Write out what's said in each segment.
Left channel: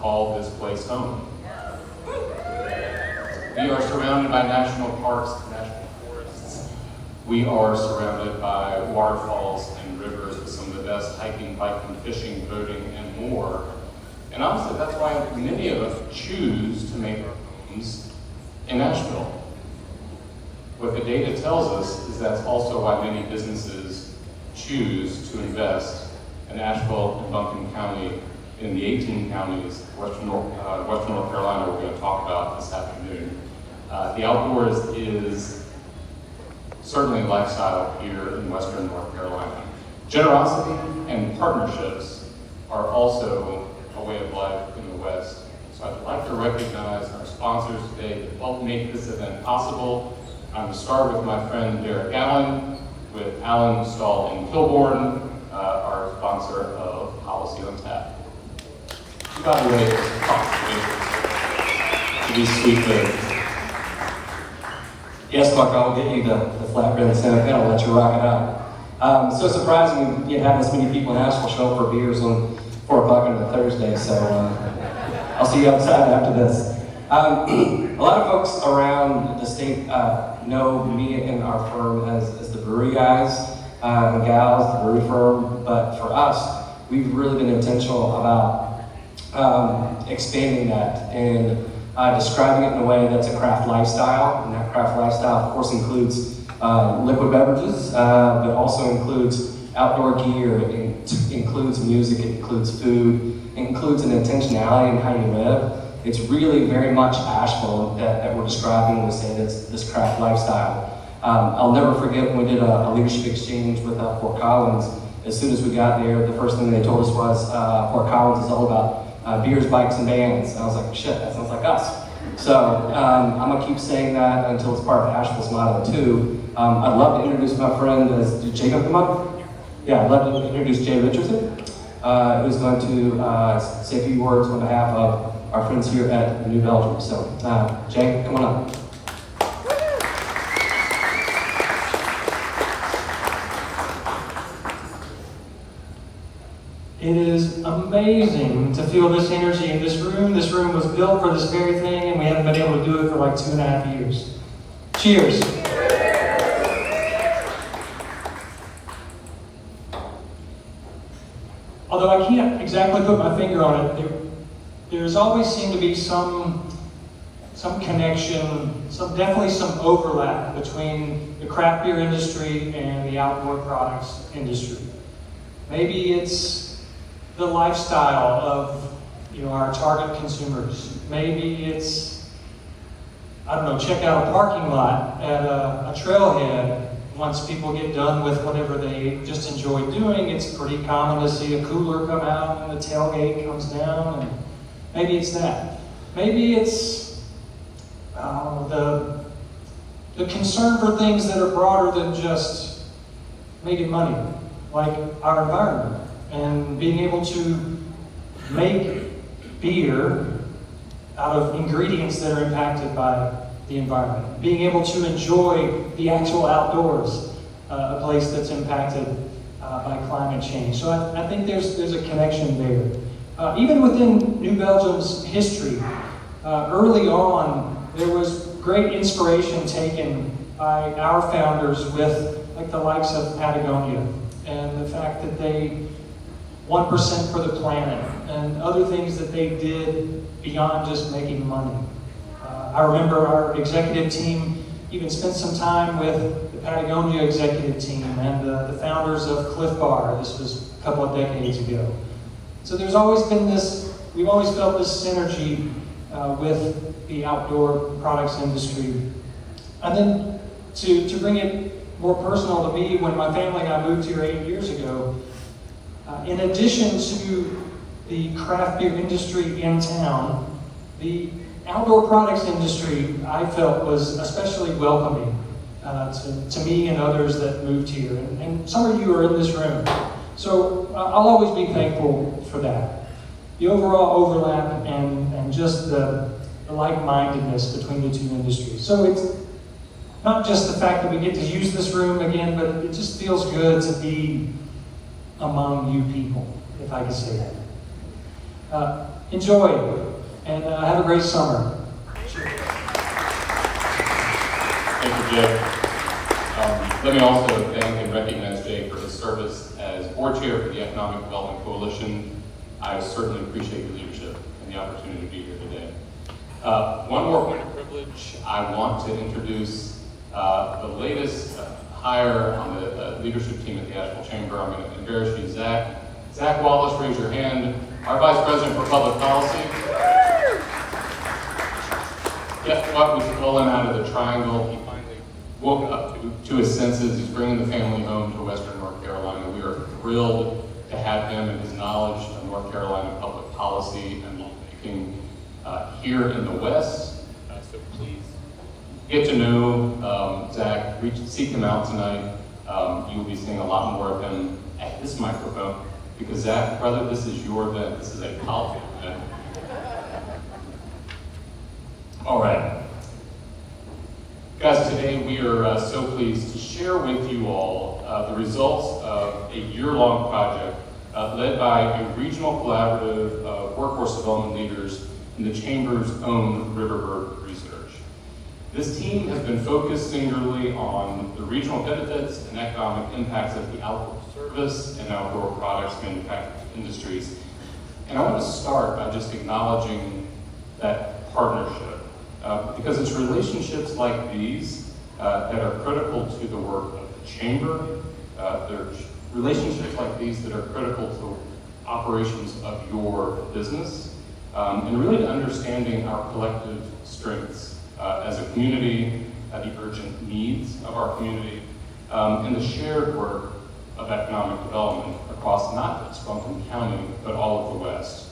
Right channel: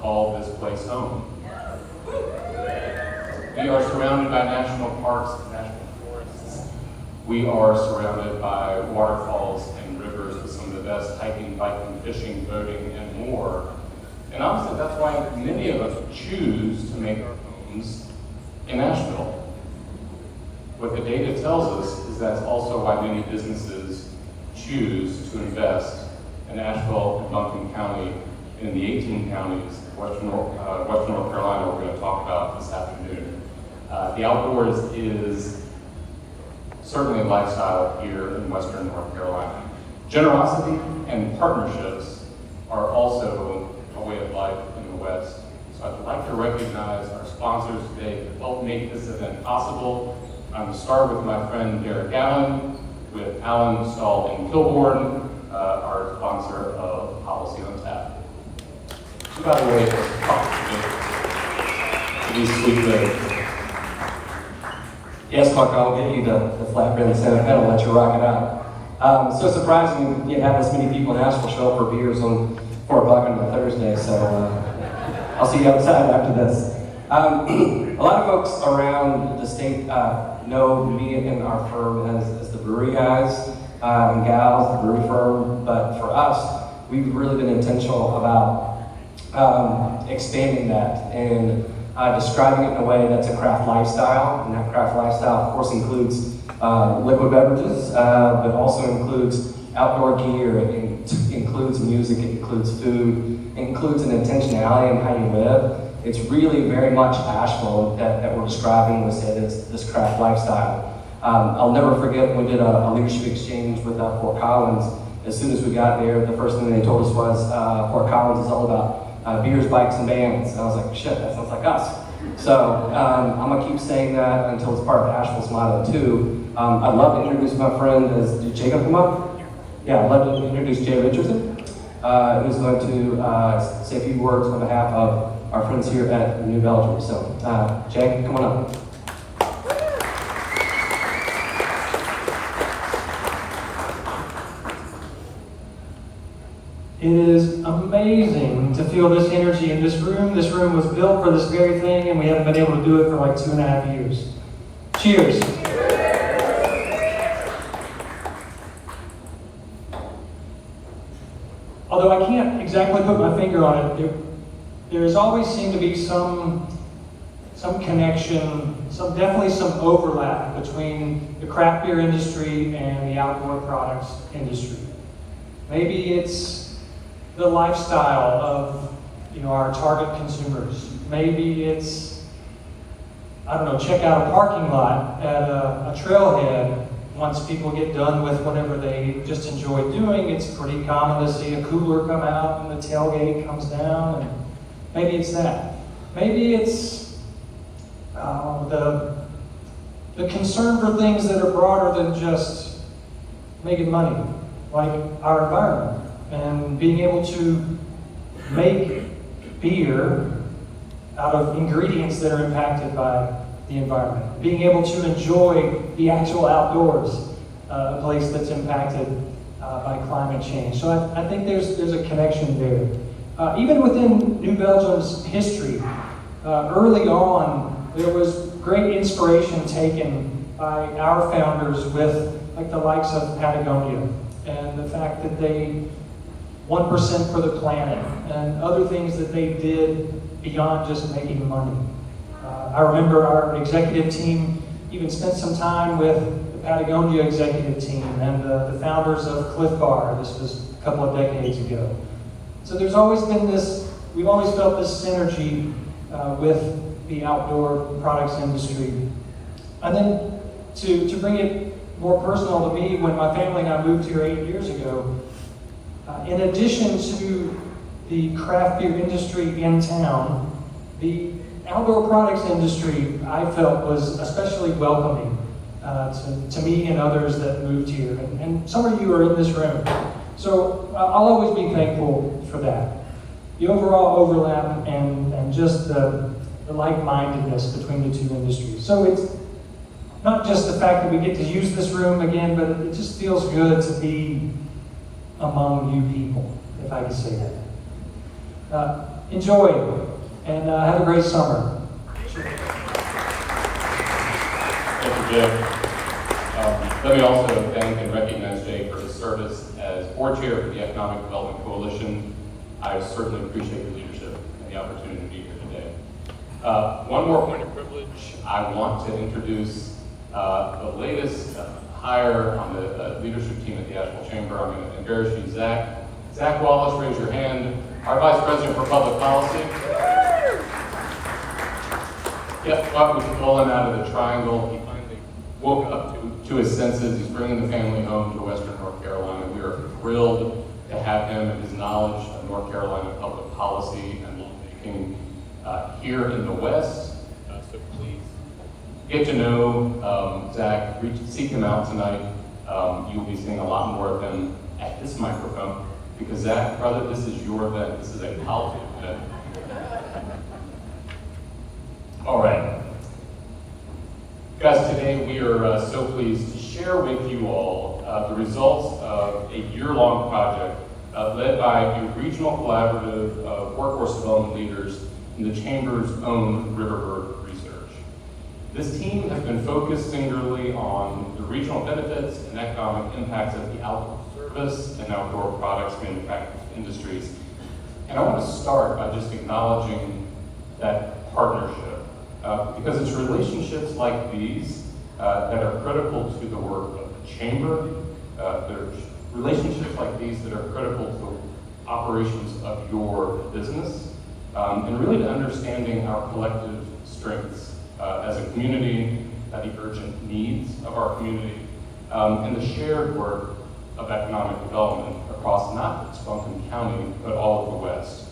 call this place home. We are surrounded by national parks and national forests. We are surrounded by waterfalls and rivers with some of the best hiking, biking, fishing, boating, and more. And honestly, that's why many of us choose to make our homes in Asheville. What the data tells us is that's also why many businesses choose to invest in Asheville and Duncan County, in the 18 counties of Western North Carolina we're going to talk about this afternoon. The outdoors is certainly a lifestyle here in Western North Carolina. Generosity and partnerships are also a way of life in the West. So I'd like to recognize our sponsors today that helped make this event possible. I'm going to start with my friend Derek Allen, with Allen, Stahl, and Kilborn, our sponsor of Policy on Tap. By the way, to be sweet ladies. Yes, Mark, I'll get you the flatbread and center pedal and let you rock it out. So surprising you have this many people in Asheville show up for beers on 4 o'clock on a Thursday, so I'll see you outside after this. A lot of folks around the state know me and our firm as the brewery guys and gals, the brewery firm, but for us, we've really been intentional about expanding that and describing it in a way that's a craft lifestyle, and that craft lifestyle of course includes liquid beverages, but also includes outdoor gear, it includes music, it includes food, it includes an intentionality in how you live. It's really very much Asheville that we're describing when we say this craft lifestyle. I'll never forget when we did a leadership exchange with Fort Collins. As soon as we got there, the first thing they told us was Fort Collins is all about beers, bikes, and bands. And I was like, shit, that sounds like us. So I'm gonna keep saying that until it's part of Asheville's motto too. I'd love to introduce my friend. Did Jacob come up? Yeah, I'd love to introduce Jay Richardson, who's going to say a few words on behalf of our friends here at New Belgium. So Jay, come on up. It is amazing to feel this energy in this room. This room was built for this very thing, and we haven't been able to do it for like 2.5 years. Cheers. Although I can't exactly put my finger on it, there's always seemed to be some connection, definitely some overlap between the craft beer industry and the outdoor products industry. Maybe it's the lifestyle of our target consumers. Maybe it's, I don't know, check out a parking lot at a trailhead. Once people get done with whatever they just enjoy doing, it's pretty common to see a cooler come out and the tailgate comes down, and maybe it's that. Maybe it's the concern for things that are broader than just making money, like our environment. And being able to make beer out of ingredients that are impacted by the environment. Being able to enjoy the actual outdoors, a place that's impacted by climate change. So I think there's a connection there. Even within New Belgium's history, early on, there was great inspiration taken by our founders with like the likes of Patagonia and the fact that they 1% for the planet, and other things that they did beyond just making money. I remember our executive team even spent some time with the Patagonia executive team and the founders of Cliff Bar. This was a couple of decades ago. So there's always been we've always felt this synergy with the outdoor products industry. And then to bring it more personal to me, when my family and I moved here 8 years ago, in addition to the craft beer industry in town, the outdoor products industry I felt was especially welcoming to me and others that moved here. And some of you are in this room. So I'll always be thankful for that. The overall overlap and just the like-mindedness between the two industries. So it's not just the fact that we get to use this room again, but it just feels good to be among you people, if I could say that. enjoy and have a great summer. Thank you, Jay. Let me also thank and recognize Jay for his service as board chair for the Economic Development Coalition. I certainly appreciate your leadership and the opportunity to be here today. One more point of privilege. I want to introduce the latest hire on the leadership team at the Asheville Chamber. I'm going to embarrass you, Zach. Zach Wallace, raise your hand. Our Vice President for Public Policy. Guess what? We stole him out of the triangle. He finally woke up to his senses. He's bringing the family home to Western North Carolina. We are thrilled to have him and his knowledge of North Carolina public policy and lawmaking here in the West. So please get to know Zach. Seek him out tonight. You'll be seeing a lot more of him at this microphone because Zach, brother, this is your event. This is a policy event. All right. Guys, today we are so pleased to share with you all the results of a year-long project led by a regional collaborative of workforce development leaders in the Chamber's own Riverbird Research. This team has been focused singularly on the regional benefits and economic impacts of the outdoor service and outdoor products manufacturing industries. And I want to start by just acknowledging that partnership. Because it's relationships like these that are critical to the work of the Chamber. There's relationships like these that are critical to operations of your business, and really to understanding our collective strengths as a community, the urgent needs of our community, and the shared work of economic development across not just Duncan County, but all of the West.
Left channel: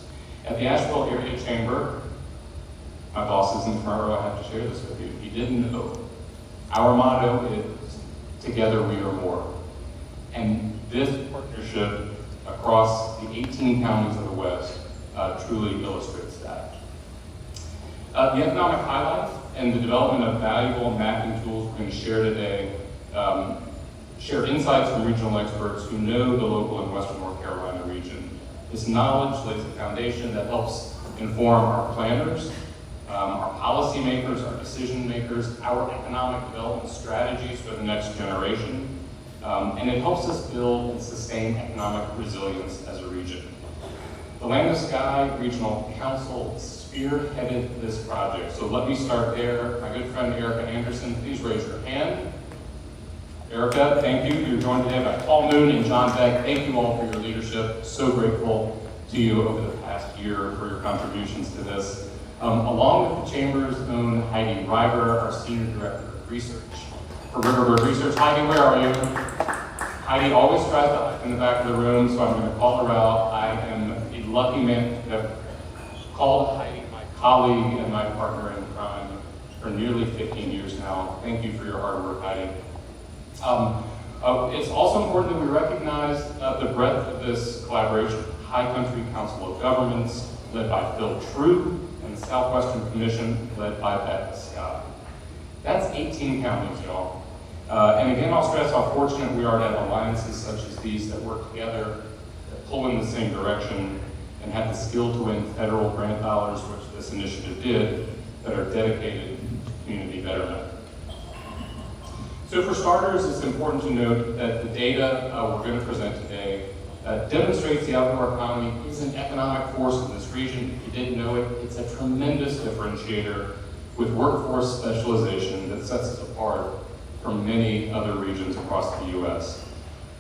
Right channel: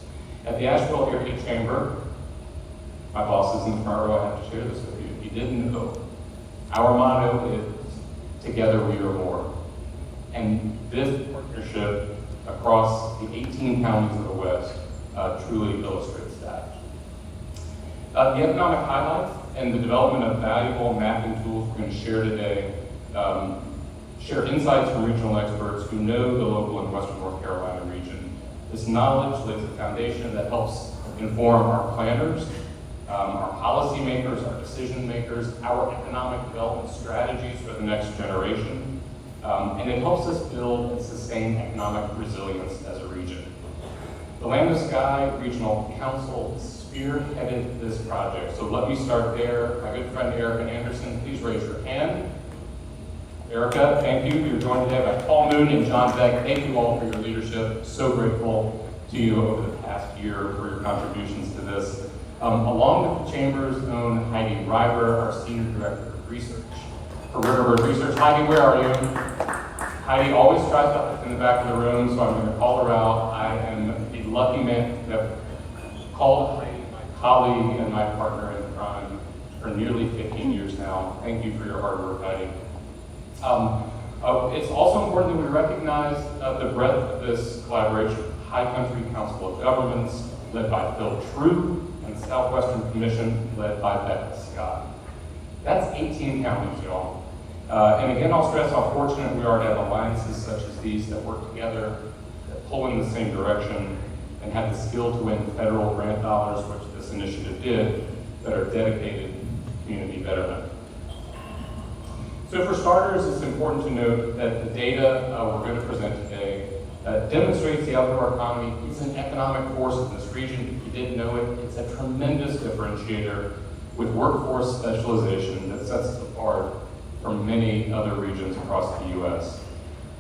At the Asheville Area Chamber, my boss is in the front row, I have to share this with you. If you didn't know, our motto is, together we are more. And this partnership across the 18 counties of the West truly illustrates that. The economic highlights and the development of valuable mapping tools we're going to share today share insights from regional experts who know the local and Western North Carolina region. This knowledge lays a foundation that helps inform our planners, our policymakers, our decision makers, our economic development strategies for the next generation, and it helps us build and sustain economic resilience as a region. The Land to Sky Regional Council spearheaded this project, so let me start there. My good friend Erica Anderson, please raise your hand. Erica, thank you. You're joined today by Paul Moon and John Beck. Thank you all for your leadership. So grateful to you over the past year for your contributions to this. Along with the Chamber's own Heidi River, our Senior Director of Research for Riverbird Research. Heidi, where are you? Heidi always tries to hide in the back of the room, so I'm going to call her out. I am a lucky man to have called Heidi my colleague and my partner in crime for nearly 15 years now. Thank you for your hard work, Heidi. It's also important that we recognize the breadth of this collaboration. High Country Council of Governments, led by Phil True, and the Southwestern Commission, led by Becca Scott. That's 18 counties, y'all. And again, I'll stress how fortunate we are to have alliances such as these that work together, that pull in the same direction, and have the skill to win federal grant dollars, which this initiative did, that are dedicated to community betterment. So for starters, it's important to note that the data we're going to present today demonstrates the outdoor economy is an economic force in this region. If you didn't know it, it's a tremendous differentiator with workforce specialization that sets us apart from many other regions across the U.S.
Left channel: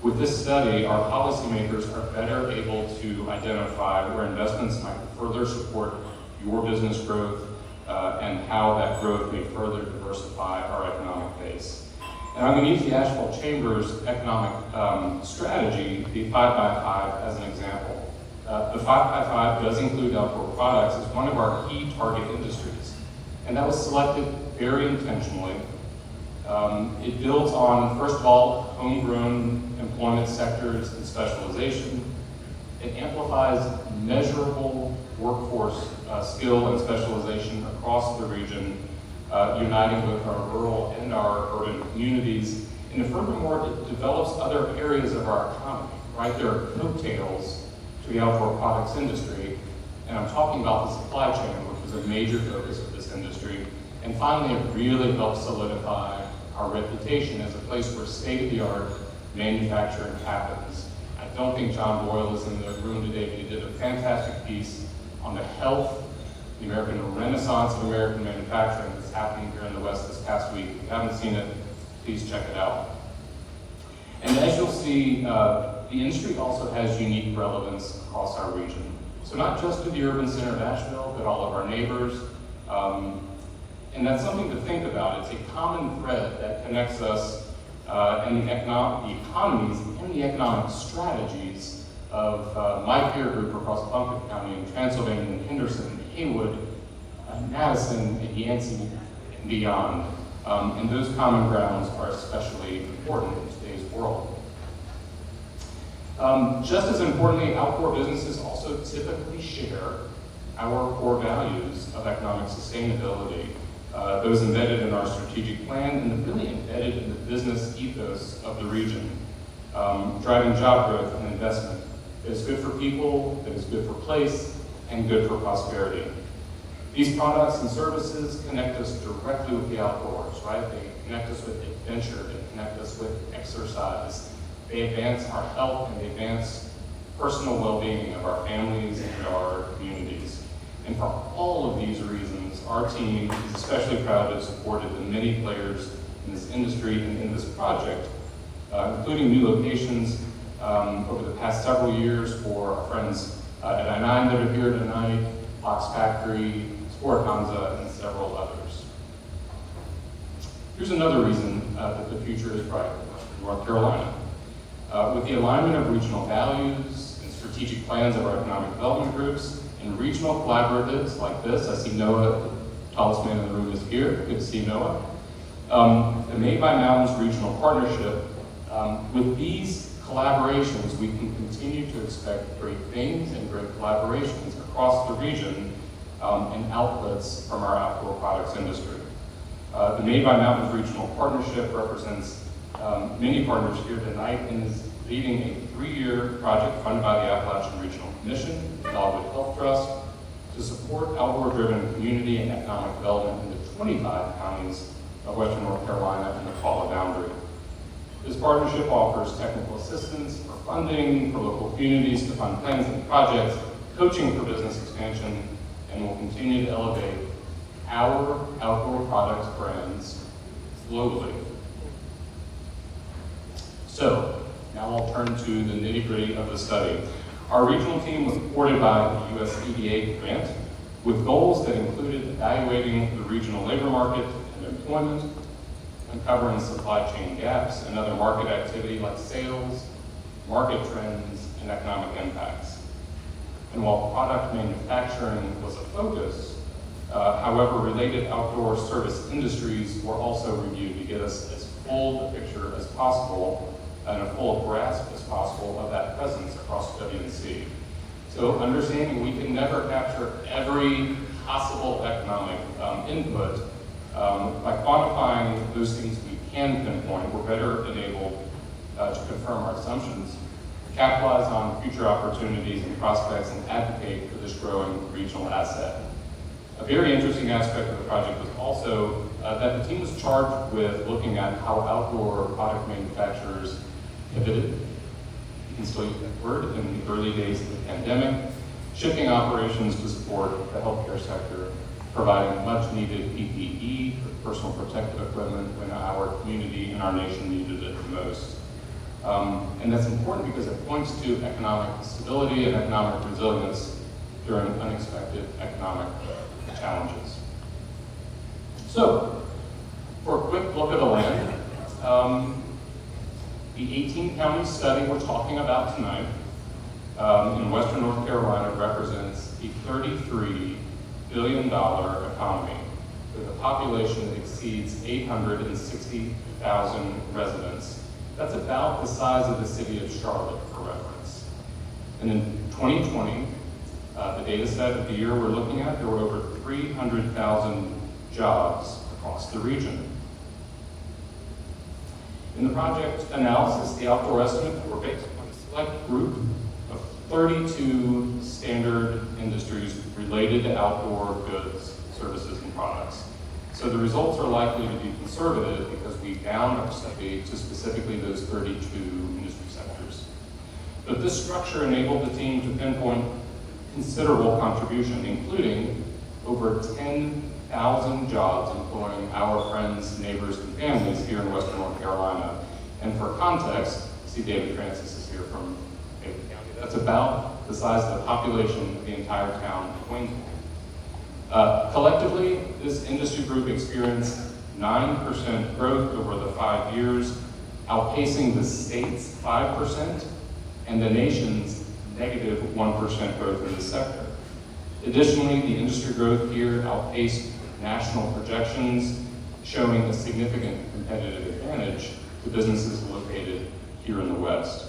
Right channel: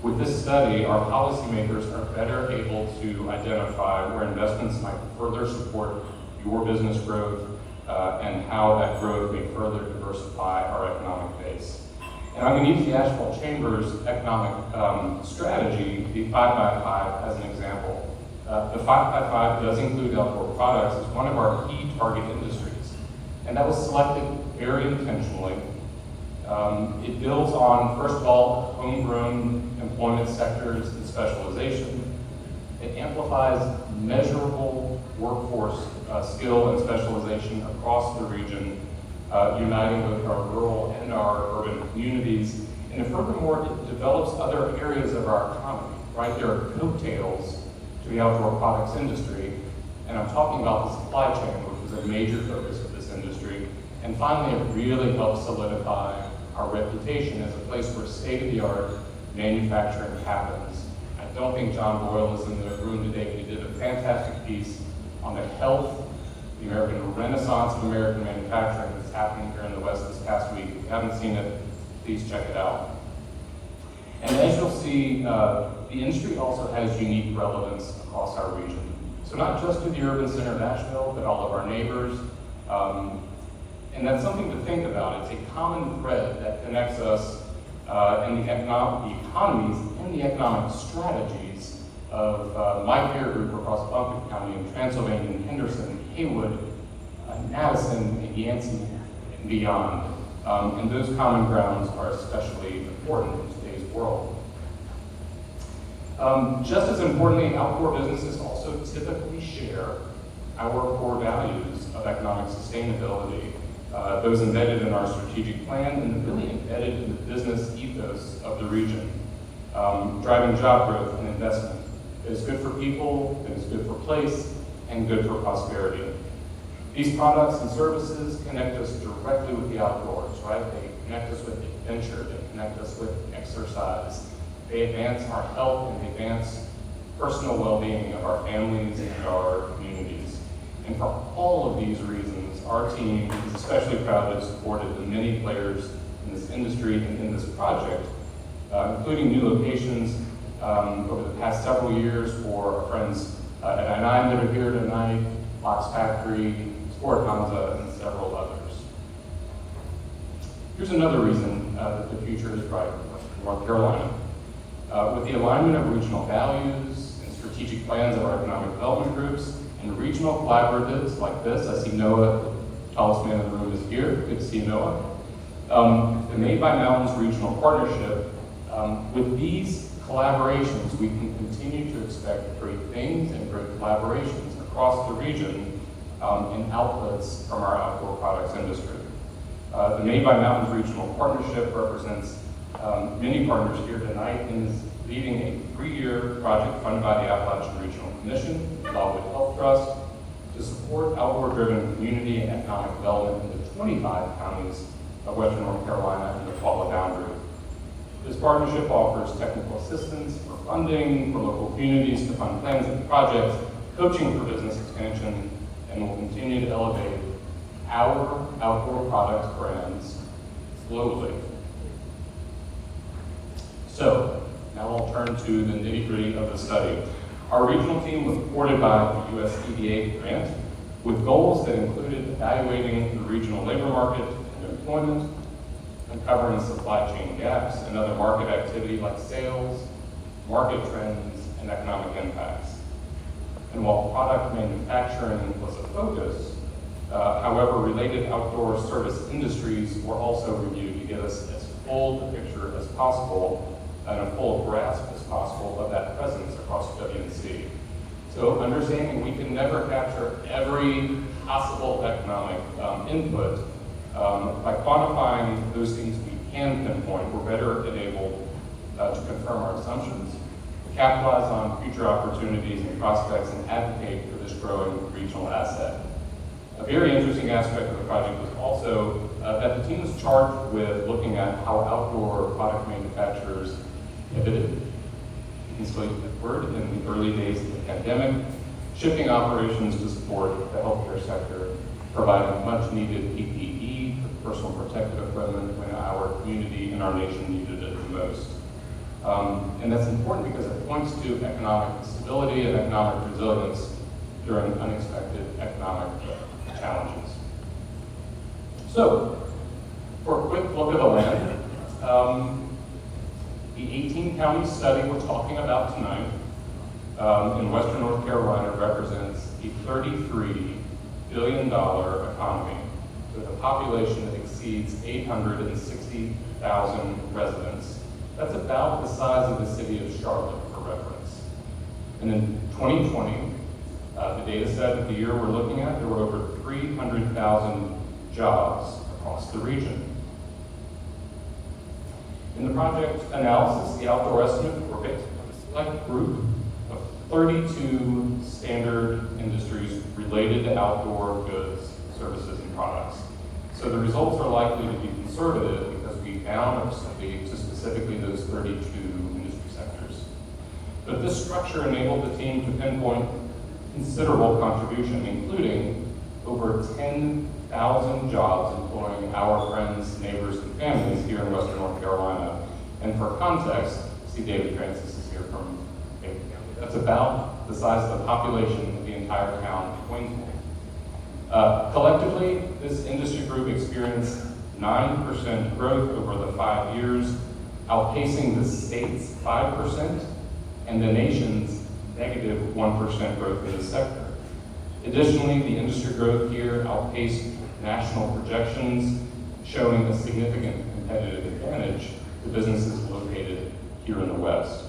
With this study, our policymakers are better able to identify where investments might further support your business growth and how that growth may further diversify our economic base. And I'm going to use the Asheville Chamber's economic strategy, the 5x5, as an example. The 5x5 does include outdoor products as one of our key target industries. And that was selected very intentionally. It builds on, first of all, homegrown employment sectors and specialization. It amplifies measurable workforce skill and specialization across the region, uniting both our rural and our urban communities. And furthermore, it develops other areas of our economy, right? There are coattails to the outdoor products industry And I'm talking about the supply chain, which was a major focus of this industry. And finally, it really helped solidify our reputation as a place where state-of-the-art manufacturing happens. I don't think John Boyle is in the room today, but he did a fantastic piece on the health, the American renaissance of American manufacturing that's happening here in the West this past week. If you haven't seen it, please check it out. And as you'll see, the industry also has unique relevance across our region. So not just to the urban center of Asheville, but all of our neighbors. And that's something to think about. It's a common thread that connects us and the economies and the economic strategies of my peer group across Duncan County and Transylvania and Henderson, Haywood, Madison, and Yancey, and beyond. And those common grounds are especially important in today's world. Just as importantly, outdoor businesses also typically share our core values of economic sustainability, those embedded in our strategic plan and really embedded in the business ethos of the region, driving job growth and investment that is good for people, that is good for place, and good for prosperity. These products and services connect us directly with the outdoors, right? They connect us with adventure, they connect us with exercise. They advance our health and they advance personal well-being of our families and our communities. And for all of these reasons, our team is especially proud to have supported the many players in this industry and in this project, including new locations over the past several years for our friends at I-9 that are here tonight, Box Factory, Sport Gonza, and several others. Here's another reason that the future is bright in North Carolina. With the alignment of regional values and strategic plans of our economic development groups and regional collaboratives like this, I see Noah, the tallest man in the room, is here. Good to see Noah. The Made by Mountains Regional Partnership, with these collaborations, we can continue to expect great things and great collaborations across the region and outputs from our outdoor products industry. The Made by Mountains Regional Partnership represents many partners here tonight and is leading a 3-year project funded by the Appalachian Regional Commission, Dogwood Health Trust, to support outdoor-driven community and economic development in the 25 counties of Western North Carolina and the Paula boundary. This partnership offers technical assistance for funding for local communities to fund plans and projects, coaching for business expansion, and will continue to elevate our outdoor products brands globally. So, now I'll turn to the nitty-gritty of the study. Our regional team was supported by the USDA grant with goals that included evaluating the regional labor market and employment, uncovering supply chain gaps and other market activity like sales, market trends, and economic impacts. And while product manufacturing was a focus, however, related outdoor service industries were also reviewed to get us as full a picture as possible and a full grasp as possible of that presence across WNC. So understanding we can never capture every possible economic input, by quantifying those things we can pinpoint, we're better enabled to confirm our assumptions, capitalize on future opportunities and prospects, and advocate for this growing regional asset. A very interesting aspect of the project was also that the team was charged with looking at how outdoor product manufacturers pivoted, you can still use that word, in the early days of the pandemic, shifting operations to support the healthcare sector, providing much needed PPE, personal protective equipment, when our community and our nation needed it the most. And that's important because it points to economic stability and economic resilience during unexpected economic challenges. So, for a quick look at the land, the 18-county study we're talking about tonight in Western North Carolina represents a $33 billion economy with a population that exceeds 860,000 residents. That's about the size of the city of Charlotte, for reference. And in 2020, the data set of the year we're looking at, there were over 300,000 jobs across the region. In the project analysis, the outdoor estimates were based on a select group of 32 standard industries related to outdoor goods, services, and products. So the results are likely to be conservative because we bound our study to specifically those 32 industry sectors. But this structure enabled the team to pinpoint considerable contribution, including over 10,000 jobs employing our friends, neighbors, and families here in Western North Carolina. And for context, see David Francis is here from David County. That's about the size of the population of the entire town of Waynesville. Collectively, this industry group experienced 9% growth over the 5 years, outpacing the state's 5% and the nation's negative 1% growth in this sector. Additionally, the industry growth here outpaced national projections, showing a significant competitive advantage to businesses located here in the West.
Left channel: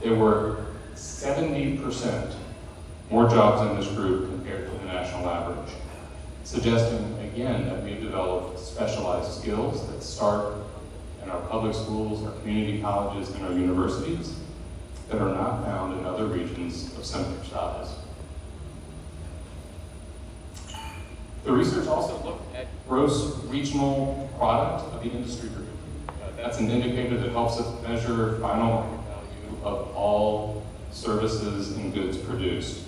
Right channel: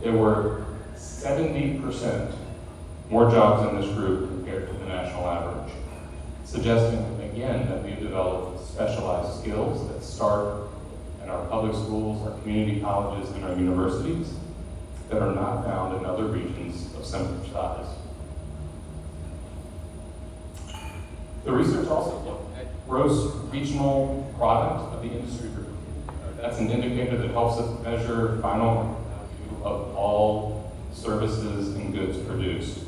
There were 70% more jobs in this group compared to the national average, suggesting again that we have developed specialized skills that start in our public schools, our community colleges, and our universities that are not found in other regions of similar size. The research also looked at gross regional product of the industry group. That's an indicator that helps us measure final value of all services and goods produced.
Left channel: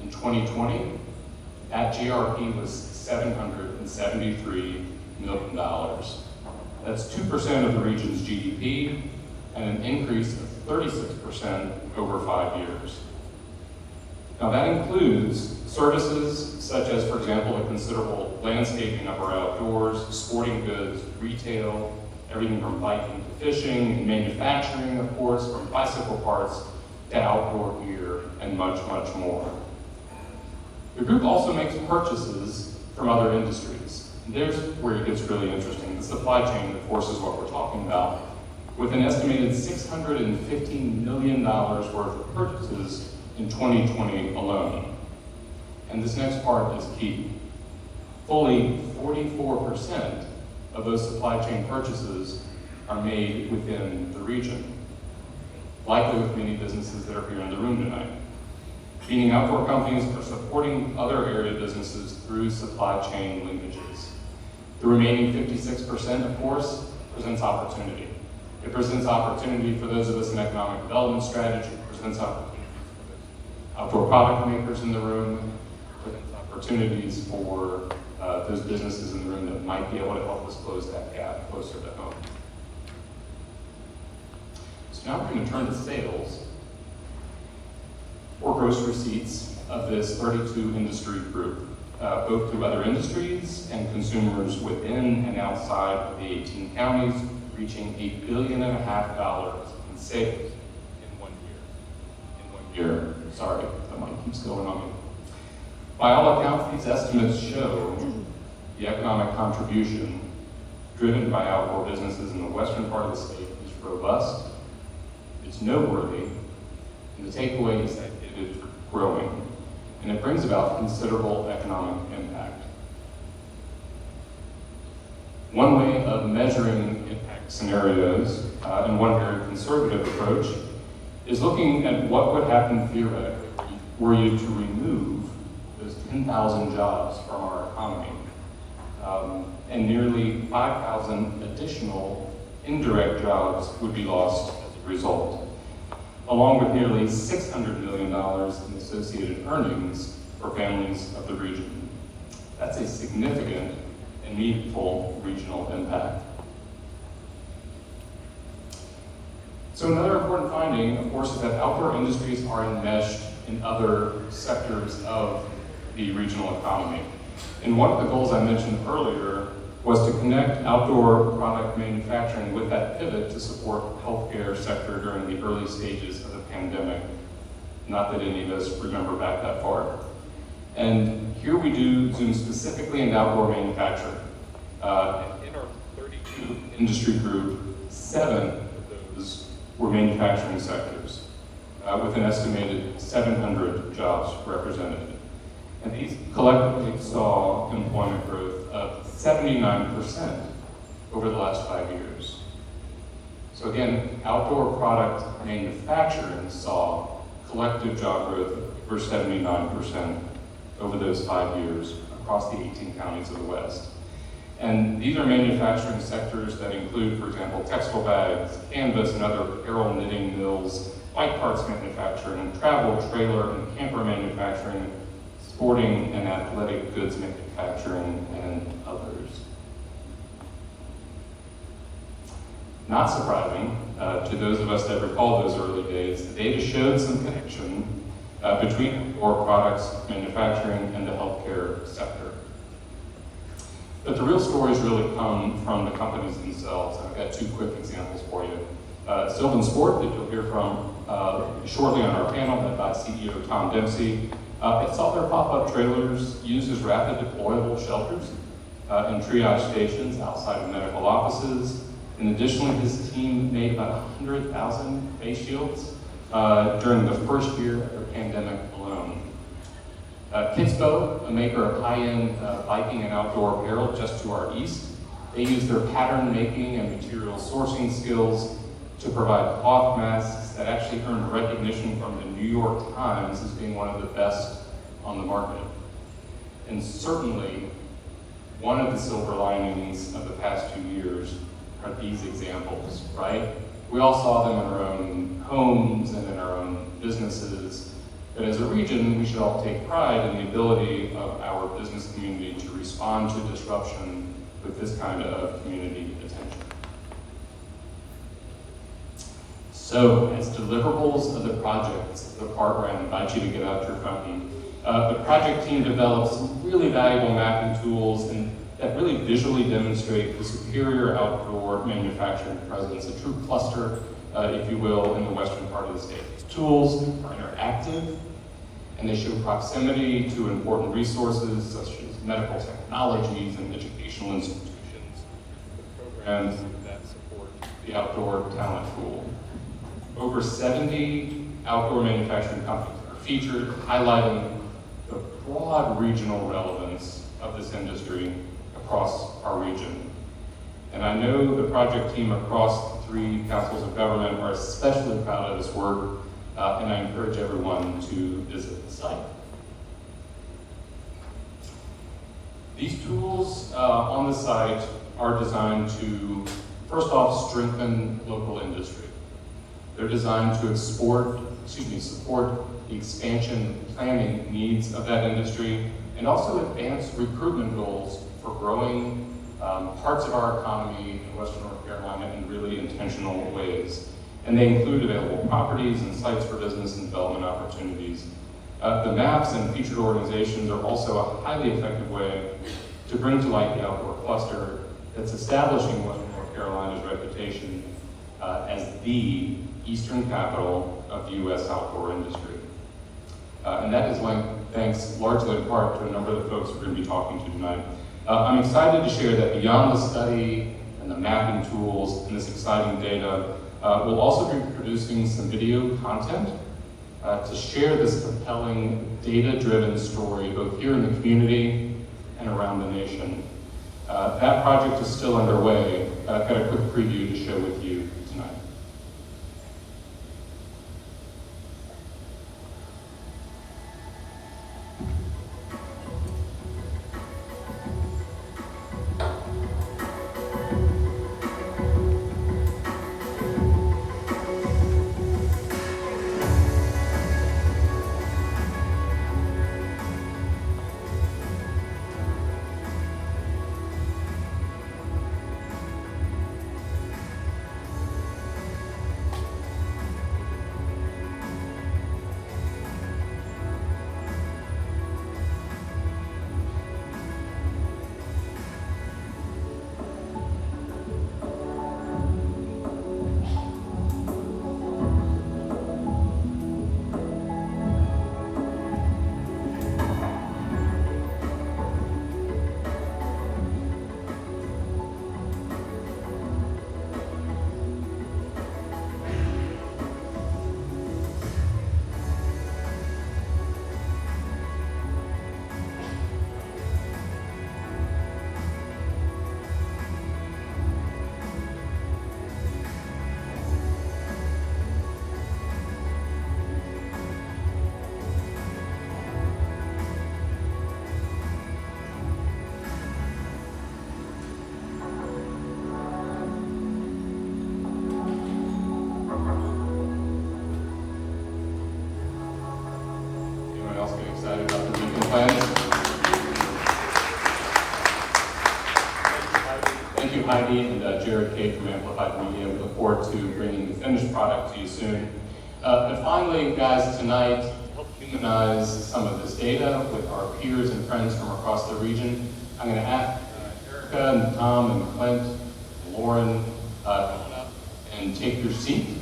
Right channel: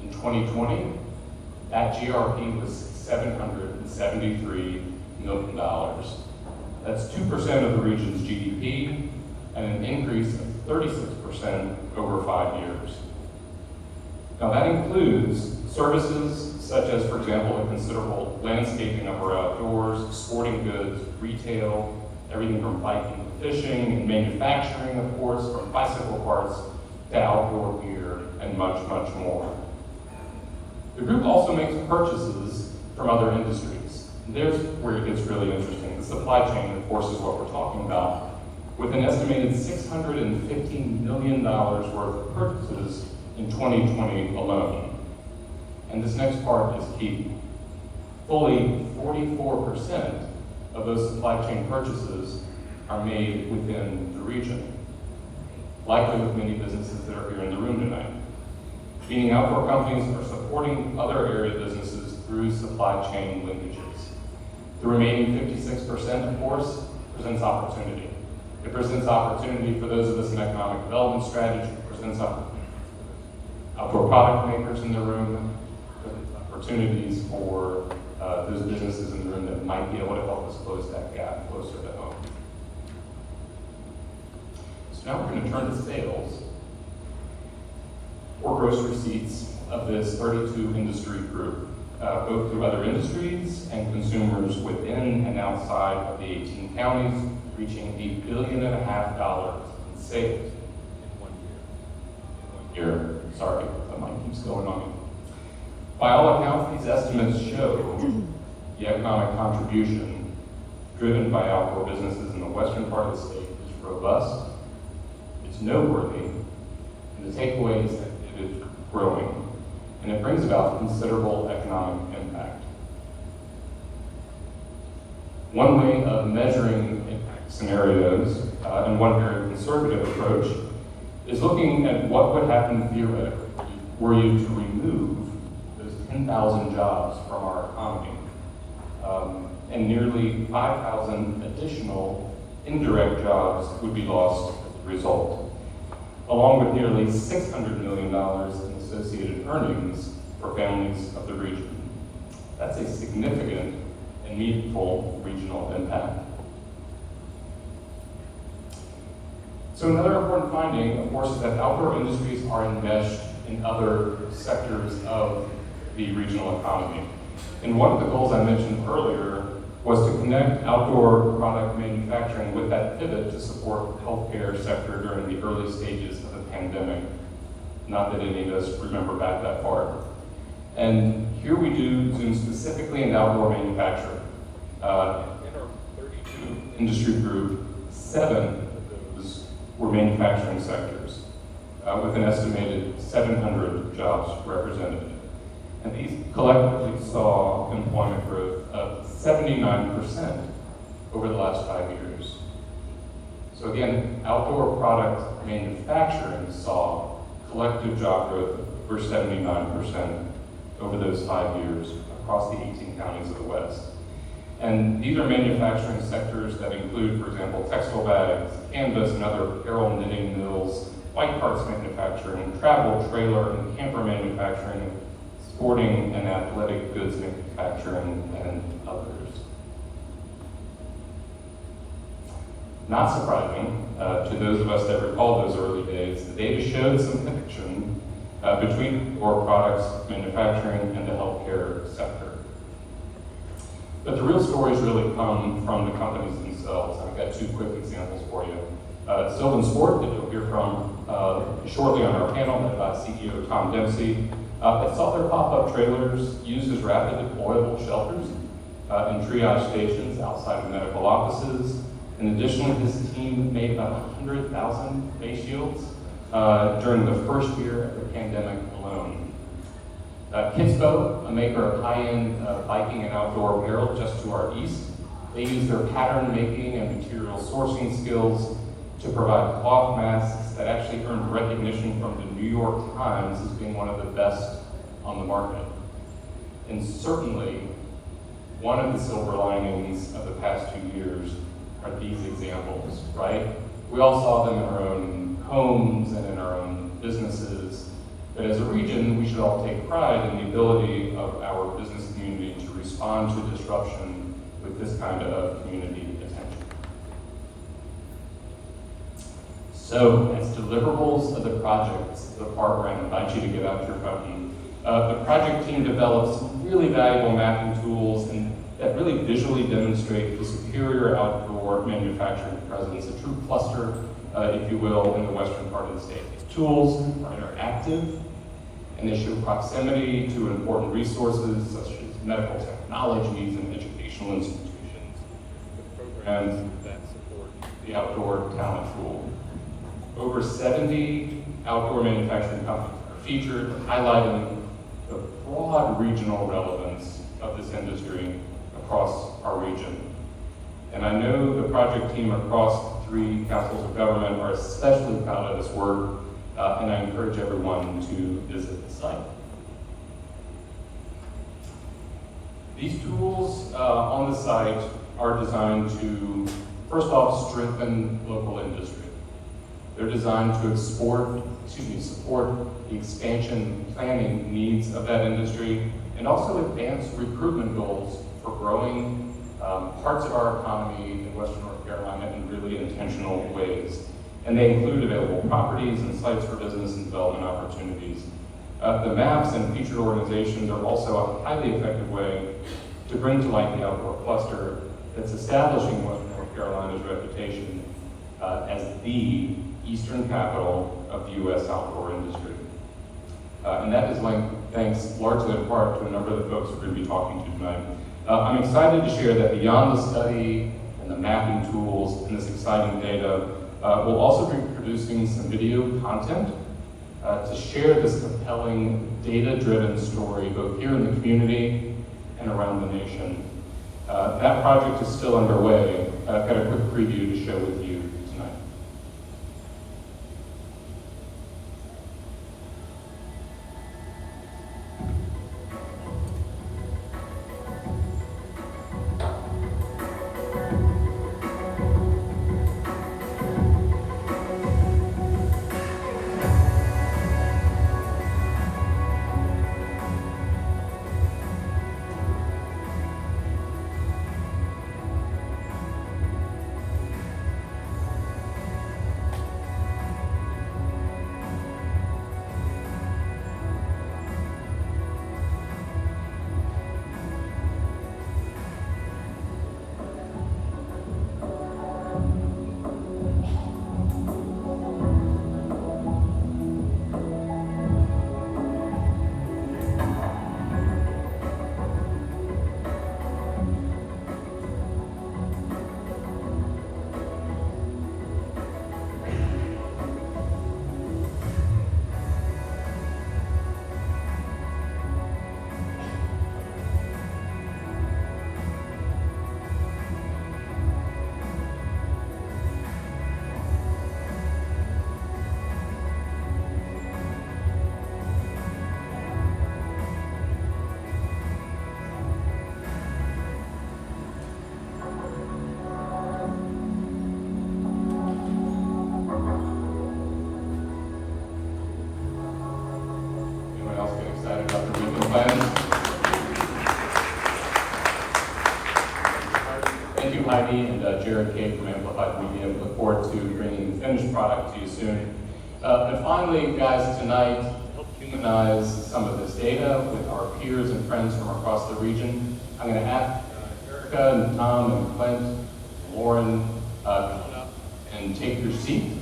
In 2020, that GRP was $773 million. That's 2% of the region's GDP and an increase of 36% over 5 years. Now that includes services such as, for example, a considerable landscaping of our outdoors, sporting goods, retail, everything from biking to fishing, and manufacturing, of course, from bicycle parts to outdoor gear, and much, much more. The group also makes purchases from other industries. There's where it gets really interesting. The supply chain, of course, is what we're talking about, with an estimated $615 million worth of purchases in 2020 alone. And this next part is key. Fully 44% of those supply chain purchases are made within the region, likely with many businesses that are here in the room tonight. Meaning outdoor companies are supporting other area businesses through supply chain linkages. The remaining 56%, of course, presents opportunity. It presents opportunity for those of us in economic development strategy, it presents opportunity for outdoor product makers in the room, it presents opportunities for those businesses in the room that might be able to help us close that gap closer to home. So now we're going to turn to sales, or gross receipts of this 32 industry group, both to other industries and consumers within and outside of the 18 counties, reaching $1.5 billion in sales in 1 year. In 1 year, sorry, that mic keeps going on me. By all accounts, these estimates show the economic contribution driven by outdoor businesses in the western part of the state is robust, it's noteworthy, and the takeaway is that it is growing, and it brings about considerable economic impact. One way of measuring impact scenarios, and one very conservative approach, is looking at what would happen theoretically were you to remove those 10,000 jobs from our economy, and nearly 5,000 additional indirect jobs would be lost as a result, along with nearly $600 million in associated earnings for families of the region. That's a significant and meaningful regional impact. So another important finding, of course, is that outdoor industries are enmeshed in other sectors of the regional economy. And one of the goals I mentioned earlier was to connect outdoor product manufacturing with that pivot to support the healthcare sector during the early stages of the pandemic. Not that any of us remember back that far. And here we do zoom specifically into outdoor manufacturing. In our 32 industry group, 7 of those were manufacturing sectors, with an estimated 700 jobs represented. And these collectively saw employment growth of 79% over the last 5 years. So again, outdoor product manufacturing saw collective job growth for 79% over those 5 years across the 18 counties of the West. And these are manufacturing sectors that include, for example, textile bags, canvas and other apparel knitting mills, bike parts manufacturing, travel, trailer, and camper manufacturing, sporting and athletic goods manufacturing, and others. Not surprising, to those of us that recall those early days, the data showed some connection between core products manufacturing and the healthcare sector. But the real stories really come from the companies themselves. I've got 2 quick examples for you. SylvanSport, that you'll hear from shortly on our panel, led by CEO Tom Dempsey, it saw their pop-up trailers used as rapid deployable shelters and triage stations outside of medical offices. And additionally, his team made about 100,000 face shields during the first year of the pandemic alone. Kinspo, a maker of high-end biking and outdoor apparel just to our east, they use their pattern making and material sourcing skills to provide cloth masks that actually earned recognition from the New York Times as being one of the best on the market. And certainly, one of the silver linings of the past 2 years are these examples, right? We all saw them in our own homes and in our own businesses, but as a region, we should all take pride in the ability of our business community to respond to disruption with this kind of community attention. So, as deliverables of the projects, the part where I invite you to get out your phone, the project team developed some really valuable mapping tools that really visually demonstrate the superior outdoor manufacturing presence, a true cluster, if you will, in the western part of the state. Tools are interactive and they show proximity to important resources such as medical technologies and educational institutions, with programs that support the outdoor talent pool. Over 70 outdoor manufacturing companies are featured, highlighting the broad regional relevance of this industry across our region. And I know the project team across the 3 councils of government are especially proud of this work, and I encourage everyone to visit the site. These tools on the site are designed to, first off, strengthen local industry. They're designed to support the expansion planning needs of that industry, and also advance recruitment goals for growing parts of our economy in Western North Carolina in really intentional ways. And they include available properties and sites for business and development opportunities. The maps and featured organizations are also a highly effective way to bring to light the outdoor cluster that's establishing Western North Carolina's reputation as the eastern capital of the U.S. outdoor industry. And that is thanks largely in part to a number of the folks we're going to be talking to tonight. I'm excited to share that beyond the study and the mapping tools and this exciting data, we'll also be producing some video content to share this compelling data-driven story both here in the community and around the nation. That project is still underway. I've got a quick preview to share with you tonight. friends. Thank you, Heidi and Jared K. from Amplified Media. We look forward to bringing the finished product to you soon. And finally, guys, tonight, to help humanize some of this data with our peers and friends from across the region, I'm going to ask Erica and Tom and Clint and Lauren come on up and take your seat.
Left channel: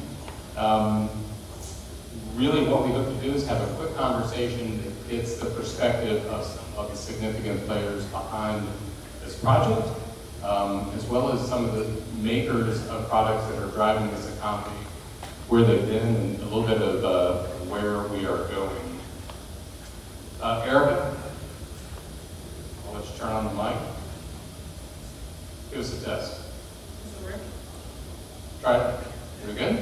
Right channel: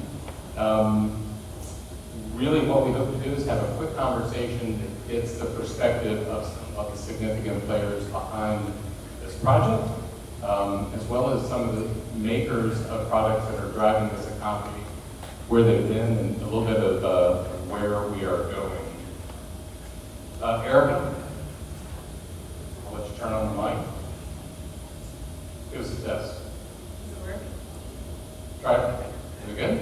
Really what we hope to do is have a quick conversation that gets the perspective of some of the significant players behind this project, as well as some of the makers of products that are driving this economy, where they've been, and a little bit of where we are going. Erica, I'll let you turn on the mic. Give us a test. Is it working? Try it. Is it good?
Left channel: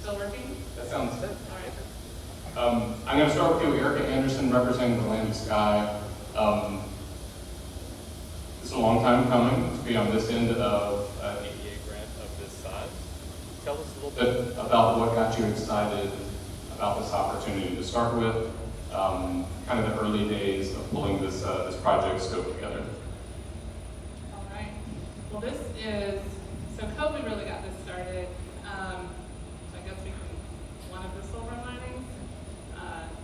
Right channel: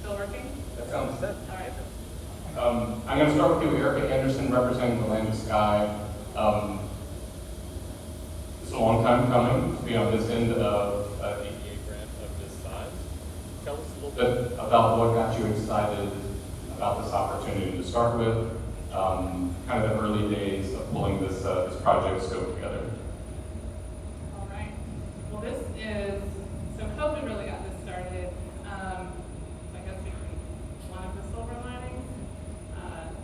Still working? That sounds good. All right. I'm going to start with you, Erica Anderson, representing the Land and Sky. It's a long time coming to be on this end of an ADA grant of this size. Tell us a little bit about what got you excited about this opportunity to start with, kind of the early days of pulling this project scope together. All right. Well, this is, so COVID really got this started. I guess we can, one of the silver linings,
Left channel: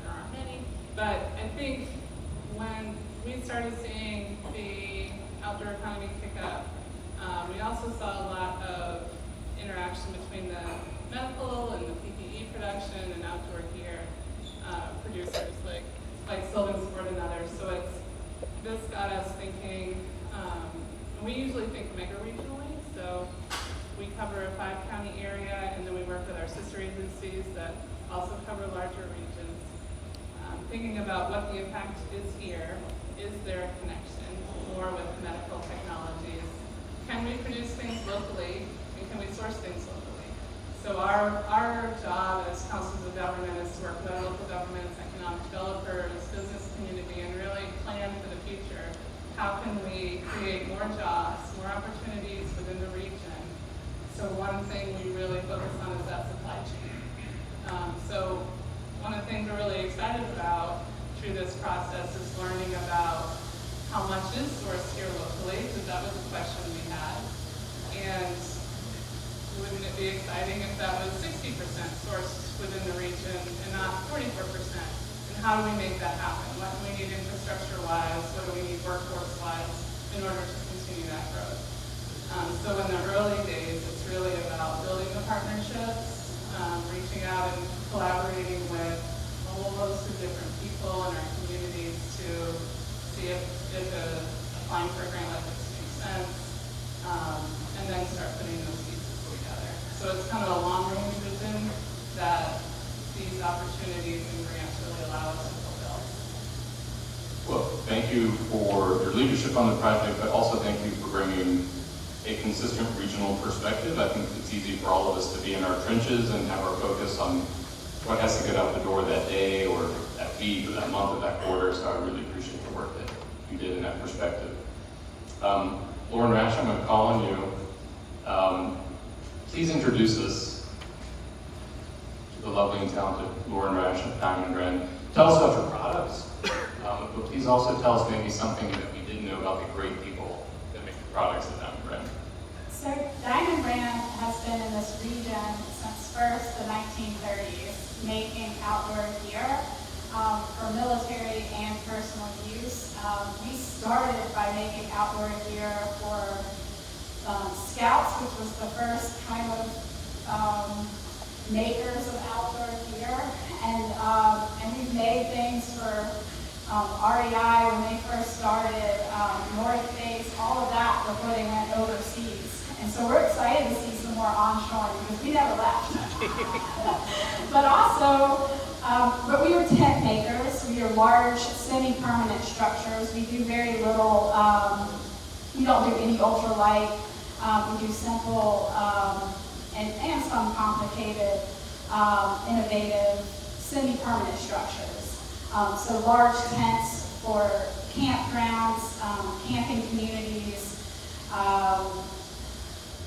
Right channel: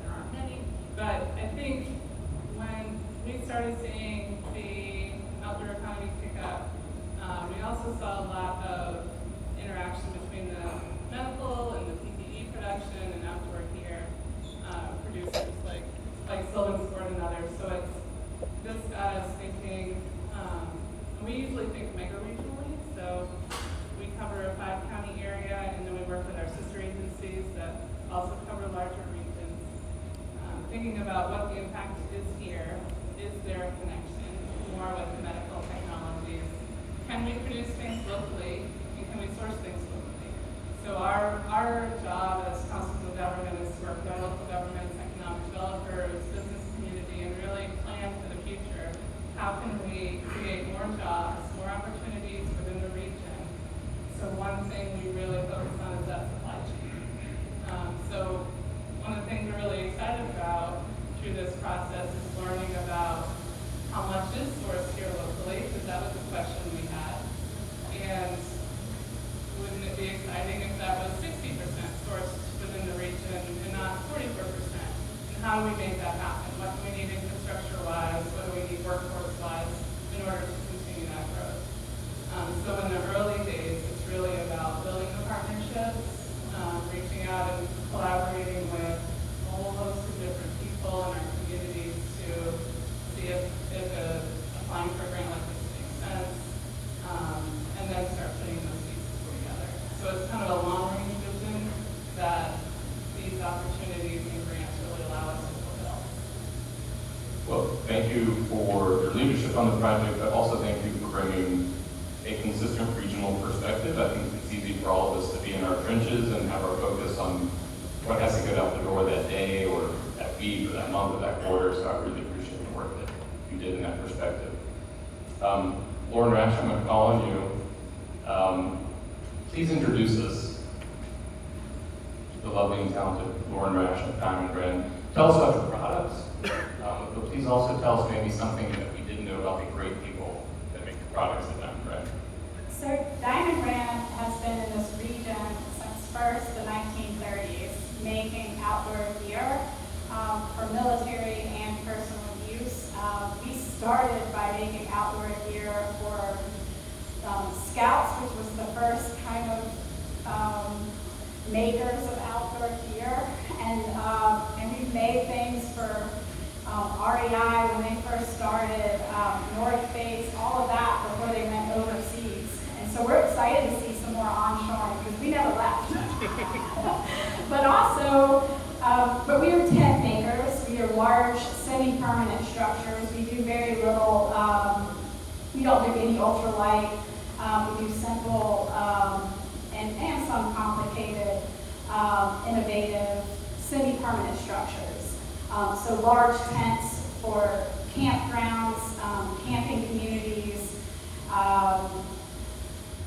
there aren't many, but I think when we started seeing the outdoor economy pick up, we also saw a lot of interaction between the medical and the PPE production and outdoor gear producers like SylvanSport and others. So this got us thinking, we usually think mega regionally, so we cover a 5-county area, and then we work with our sister agencies that also cover larger regions. Thinking about what the impact is here, is there a connection, more with medical technologies? Can we produce things locally, and can we source things locally? So our job as councils of government is to work with our local governments, economic developers, business community, and really plan for the future. How can we create more jobs, more opportunities within the region? So one thing we really focus on is that supply chain. So one of the things we're really excited about through this process is learning about how much is sourced here locally, because that was a question we had. And wouldn't it be exciting if that was 60% sourced within the region and not 44%? And how do we make that happen? What do we need infrastructure-wise? What do we need workforce-wise in order to continue that growth? So in the early days, it's really about building the partnerships, reaching out and collaborating with a whole host of different people in our communities to see if applying for a grant like this makes sense, and then start putting those pieces together. So it's kind of a long-range vision that these opportunities and grants really allow us to fulfill. Well, thank you for your leadership on the project, but also thank you for bringing a consistent regional perspective. I think it's easy for all of us to be in our trenches and have our focus on what has to get out the door that day or that week or that month or that quarter, so I really appreciate the work that you did in that perspective. Lauren Rash, I'm going to call on you. Please introduce us to the lovely and talented Lauren Rash at Diamond Brand. Tell us about your products, but please also tell us maybe something that we didn't know about the great people that make the products at Diamond Brand. So Diamond Brand has been in this region since first the 1930s, making outdoor gear for military and personal use. We started by making outdoor gear for Scouts, which was the first kind of makers of outdoor gear, and we've made things for REI when they first started, North Face, all of that before they went overseas. And so we're excited to see some more onshoring because we never left. But also, but we were tent makers. We are large, semi-permanent structures. We do very little, we don't do any ultralight. We do simple and some complicated, innovative, semi-permanent structures. So large tents for campgrounds, camping communities,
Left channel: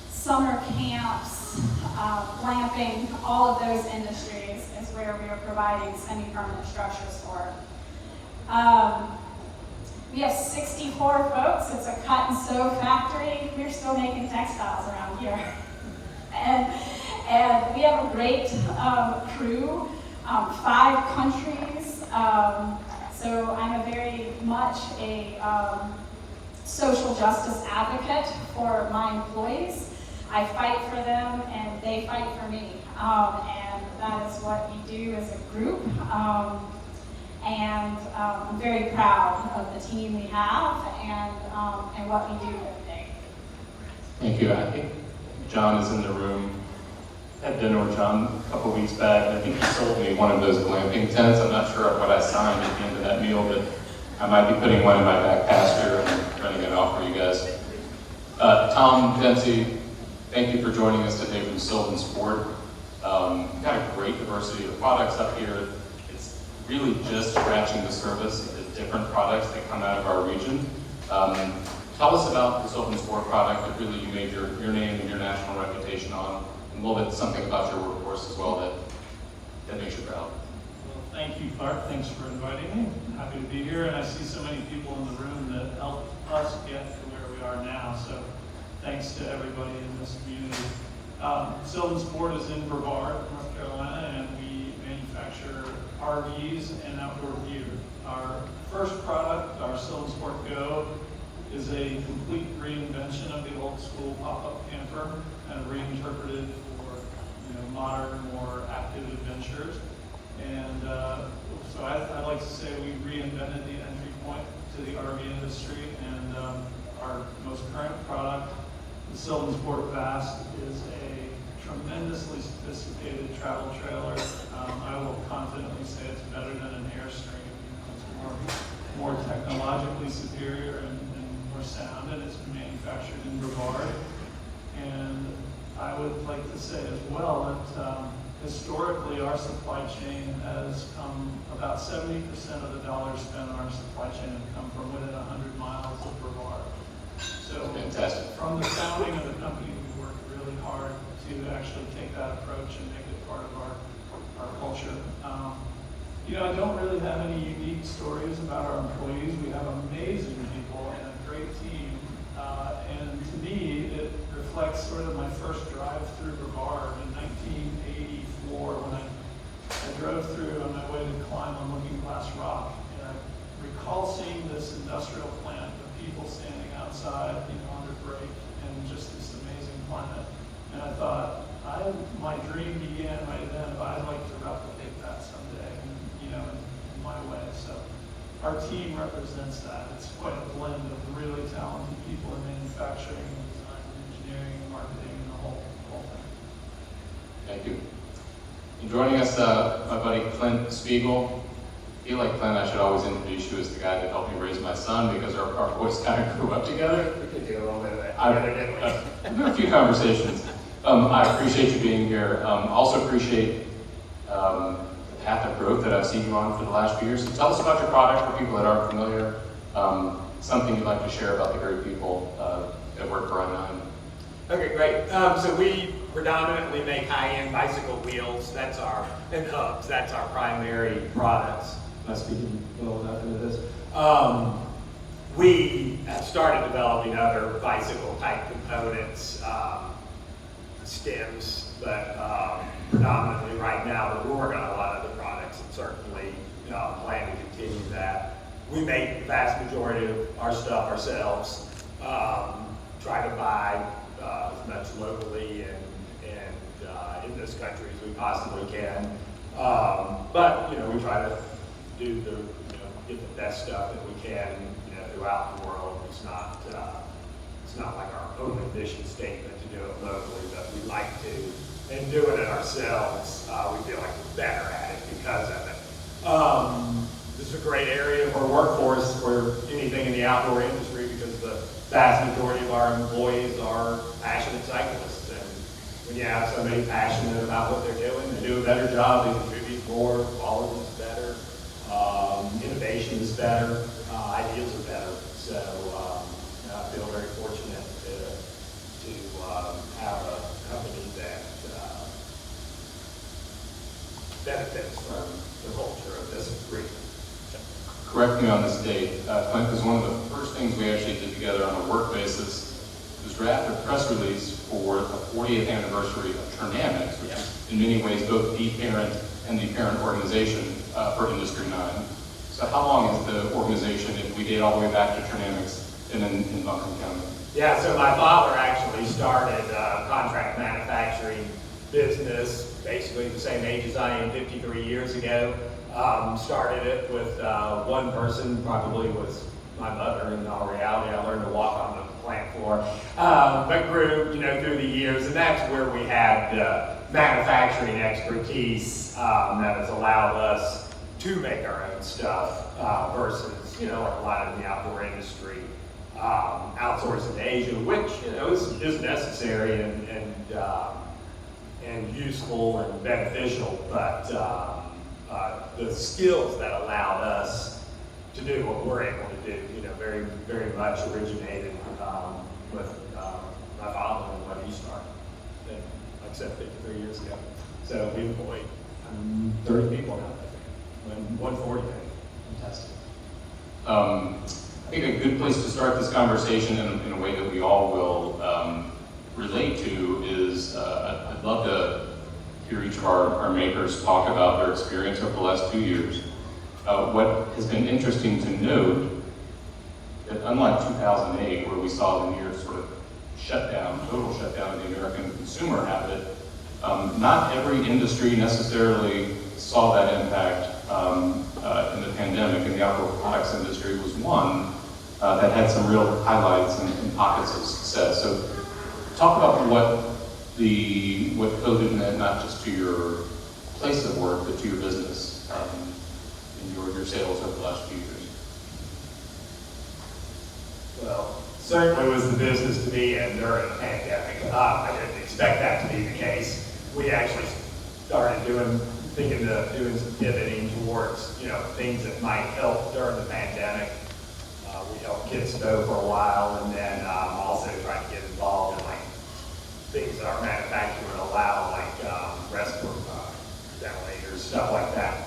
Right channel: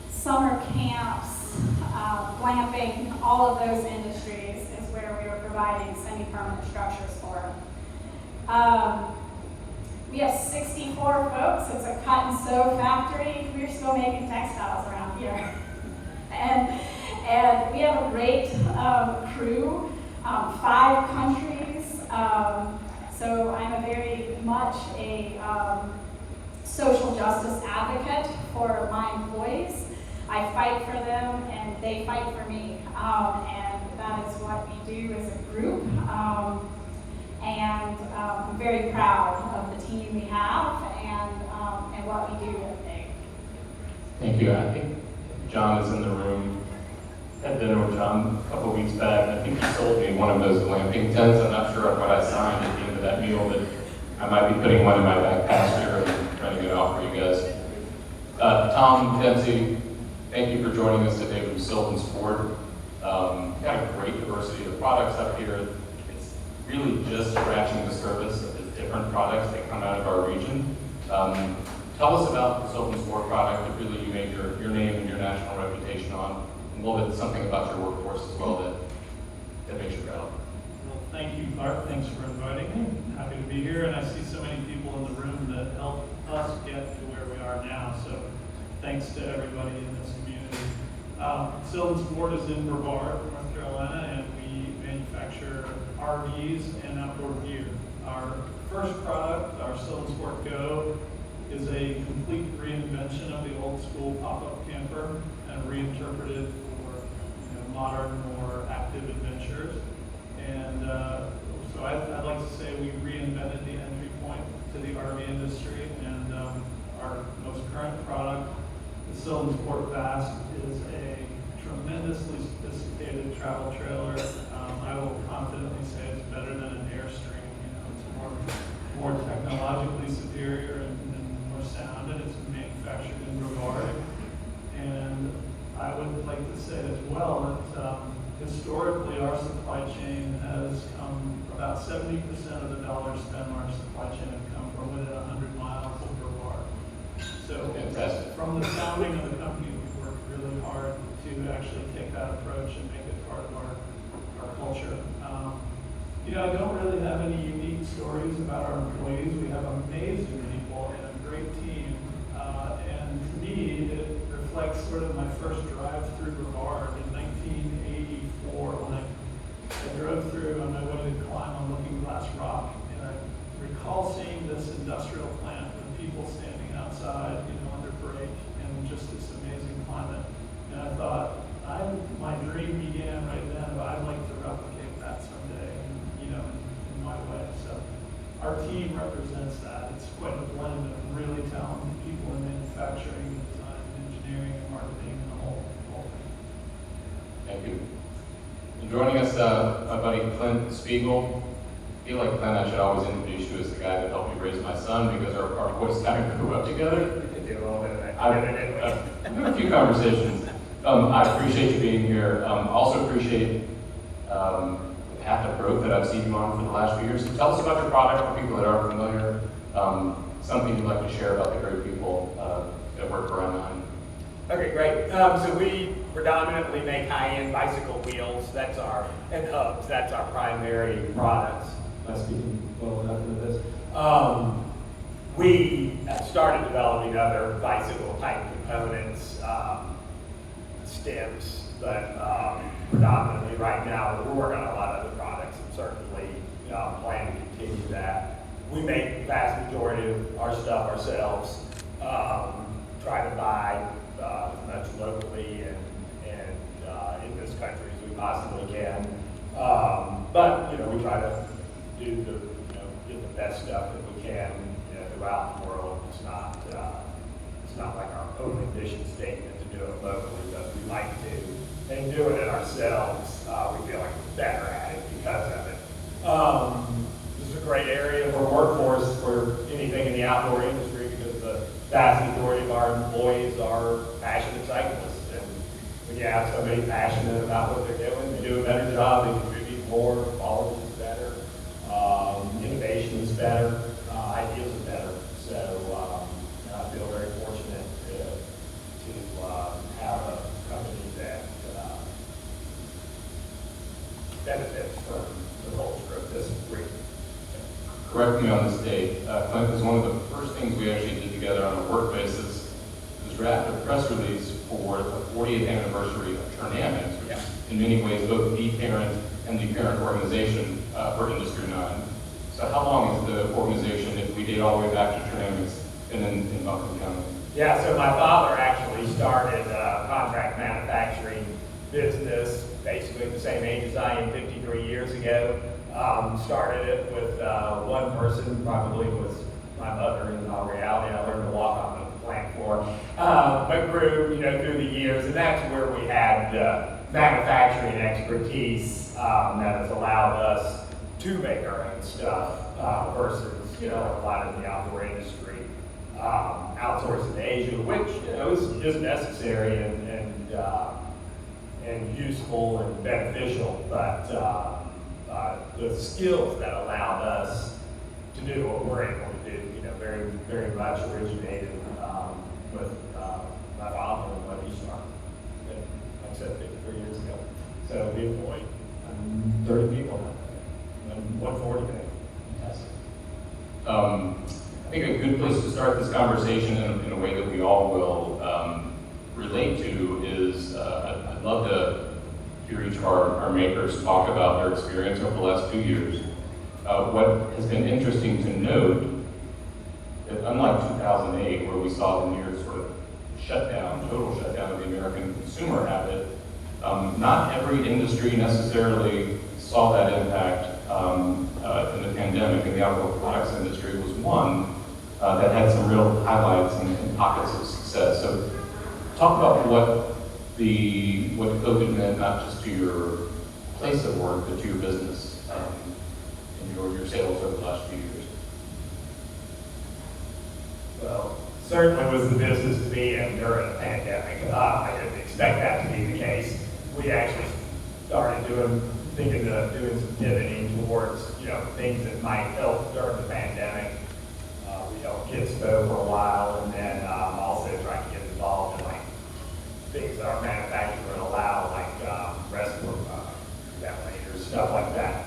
summer camps, glamping, all of those industries is where we are providing semi-permanent structures for. We have 64 folks. It's a cut and sew factory. We're still making textiles around here. And we have a great crew, 5 countries. So I'm very much a social justice advocate for my employees. I fight for them and they fight for me. And that is what we do as a group. I'm very proud of the team we have and what we do every day. Thank you. I think John is in the room. I had dinner with John a couple weeks back, and I think he sold me one of those glamping tents. I'm not sure what I signed at the end of that meal, but I might be putting one in my back pasture and running it off for you guys. Tom, Dempsey, thank you for joining us today from SylvanSport. Got a great diversity of products up here. It's really just scratching the surface of the different products that come out of our region. Tell us about the SylvanSport product that really you made your name and your national reputation on. A little bit something about your workforce as well that makes you proud. Well, thank you, Clark. Thanks for inviting me. Happy to be here, and I see so many people in the room that helped us get to where we are now. So thanks to everybody in this community. SylvanSport is in Riverbird, North Carolina, and we manufacture RVs and outdoor gear. Our first product, our SylvanSport Go, is a complete reinvention of the old school pop-up camper and reinterpreted for modern, more active adventures. And so I'd like to say we reinvented the entry point to the RV industry, and our most current product, the SylvanSport Vast, is a tremendously sophisticated travel trailer. I will confidently say it's better than an Airstream. It's more technologically superior and more sound, and it's manufactured in Brevard. And I would like to say as well that historically our supply chain has come, about 70% of the dollars spent on our supply chain have come from within 100 miles of Brevard. So Fantastic. From the founding of the company, we've worked really hard to actually take that approach and make it part of our culture. I don't really have any unique stories about our employees. We have amazing people and a great team. And to me, it reflects sort of my first drive through Brevard in 1984 when I drove through on my way to climb on Looking Glass Rock. And I recall seeing this industrial plant with people standing outside, under break, and just this amazing climate. And I thought, my dream began right then, but I'd like to replicate that someday, in my way. So our team represents that. It's quite a blend of really talented people in manufacturing, design, engineering, and marketing, and the whole thing. Thank you. And joining us, my buddy Clint Spiegel. I feel like, Clint, I should always introduce you as the guy that helped me raise my son because our boys kind of grew up together. We could do a little bit of that together, didn't we? I've had a few conversations. I appreciate you being here. Also appreciate the path of growth that I've seen you on for the last few years. So tell us about your product for people that aren't familiar. Something you'd like to share about the great people that work around Nine. Okay, great. So we predominantly make high-end bicycle wheels. And hubs. That's our primary products. Am I speaking well enough into this? We have started developing other bicycle-type components, stems, but predominantly right now we're working on a lot of other products and certainly plan to continue that. We make the vast majority of our stuff ourselves. Try to buy as much locally and in this country as we possibly can. But we try to do get the best stuff that we can throughout the world. It's not like our own mission statement to do it locally, but we like to. And doing it ourselves, we feel like we're better at it because of it. This is a great area for workforce for anything in the outdoor industry because the vast majority of our employees are passionate cyclists. And when you have somebody passionate about what they're doing, they do a better job, they contribute more, quality is better, innovation is better, ideas are better. So I feel very fortunate to have a company that benefits from the culture of this group. correct me on this date, Clint, because one of the first things we actually did together on a work basis was draft a press release for the 40th anniversary of Turnamics, which is in many ways both the parent and the parent organization for Industry 9. So how long is the organization if we date all the way back to Turnamics and then in Duncan County? Yeah, so my father actually started a contract manufacturing business, basically the same age as I am, 53 years ago. Started it with one person, probably was my mother in all reality. I learned to walk on the plant floor, but grew, through the years, and that's where we had the manufacturing expertise that has allowed us to make our own stuff versus, like a lot in the outdoor industry, outsourcing to Asia, which is necessary and useful and beneficial, but the skills that allowed us to do what we're able to do, very, very much originated with my father and when he started. And like I said, 53 years ago. So we employ 30 people now, I think, 140 now. Fantastic. I think a good place to start this conversation in a way that we all will relate to is I'd love to hear each of our makers talk about their experience over the last 2 years. What has been interesting to note that unlike 2008, where we saw the near sort of total shutdown of the American consumer habit, not every industry necessarily saw that impact in the pandemic, and the outdoor products industry was one that had some real highlights and pockets of success. So talk about what COVID meant, not just to your place of work, but to your business and your sales over the last few years. Well, certainly was the business to be in during the pandemic. I didn't expect that to be the case. We actually started doing some pivoting towards, things that might help during the pandemic. We helped Kids Stow for a while, and then also tried to get involved in things that our manufacturer would allow, restroom ventilators, stuff like that.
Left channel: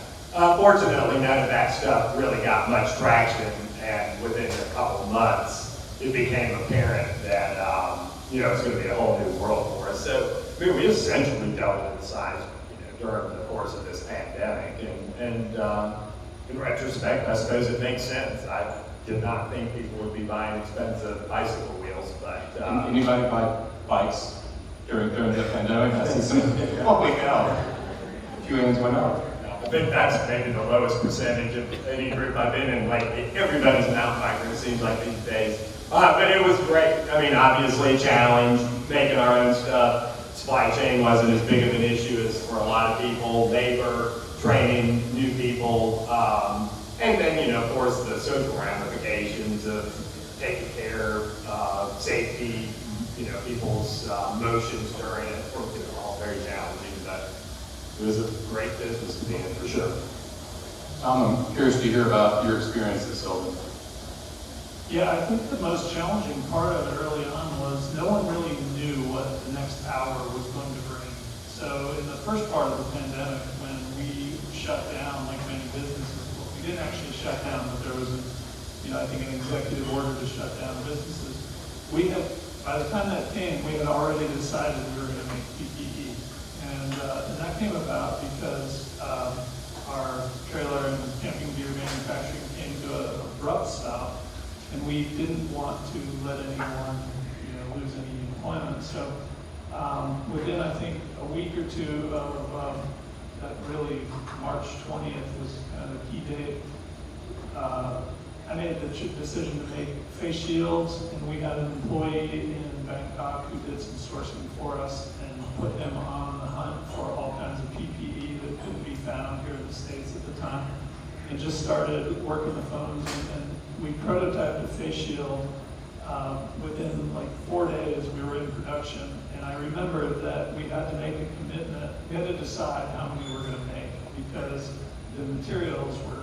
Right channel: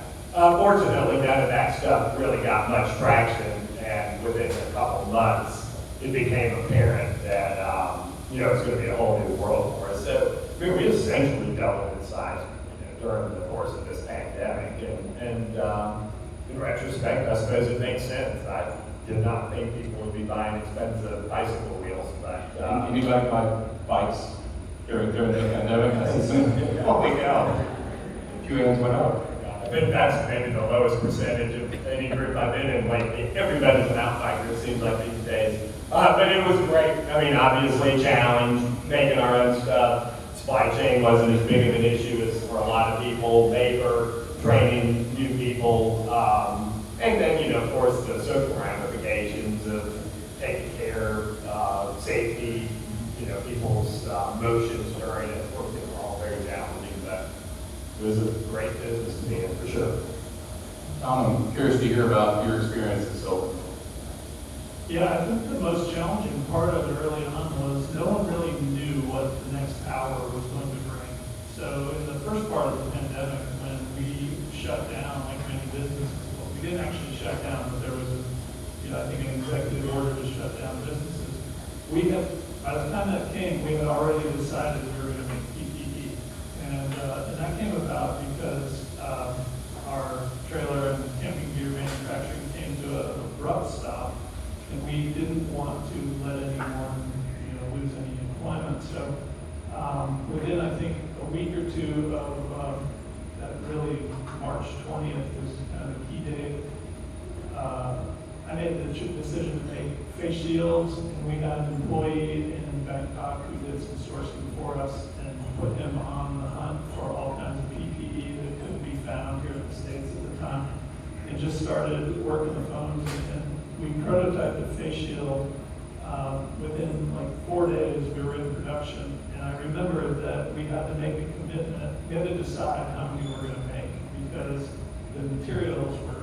Fortunately, none of that stuff really got much traction, and within a couple of months, it became apparent that it's going to be a whole new world for us. So we essentially doubled in size during the course of this pandemic, and in retrospect, I suppose it makes sense. I did not think people would be buying expensive bicycle wheels, but Anybody buy bikes during the pandemic? I see some. Holy cow! A few hands went up. I think that's maybe the lowest percentage of any group I've been in lately. Everybody's a mountain biker, it seems like these days. But it was great. I mean, obviously a challenge, making our own stuff. Supply chain wasn't as big of an issue as for a lot of people. Labor, training new people, and then, of course, the social ramifications of taking care of safety, people's motions during it. Of course, all very challenging, but it was a great business to be in for sure. I'm curious to hear about your experience at Sylvan. Yeah, I think the most challenging part of it early on was no one really knew what the next hour was going to bring. So in the first part of the pandemic, when we shut down, like many businesses, well, we didn't actually shut down, but there was, I think an executive order to shut down businesses. We had, by the time that came, we had already decided we were going to make PPE. And that came about because our trailer and camping gear manufacturing came to an abrupt stop. And we didn't want to let anyone, lose any employment. So within, I think, a week or two of that, really March 20th was kind of a key date. I made the decision to make face shields, and we got an employee in Bangkok who did some sourcing for us and put him on the hunt for all kinds of PPE that couldn't be found here in the States at the time, and just started working the phones. And we prototyped a face shield. Within 4 days, we were in production, and I remember that we had to make a commitment. We had to decide how many we were going to make because the materials were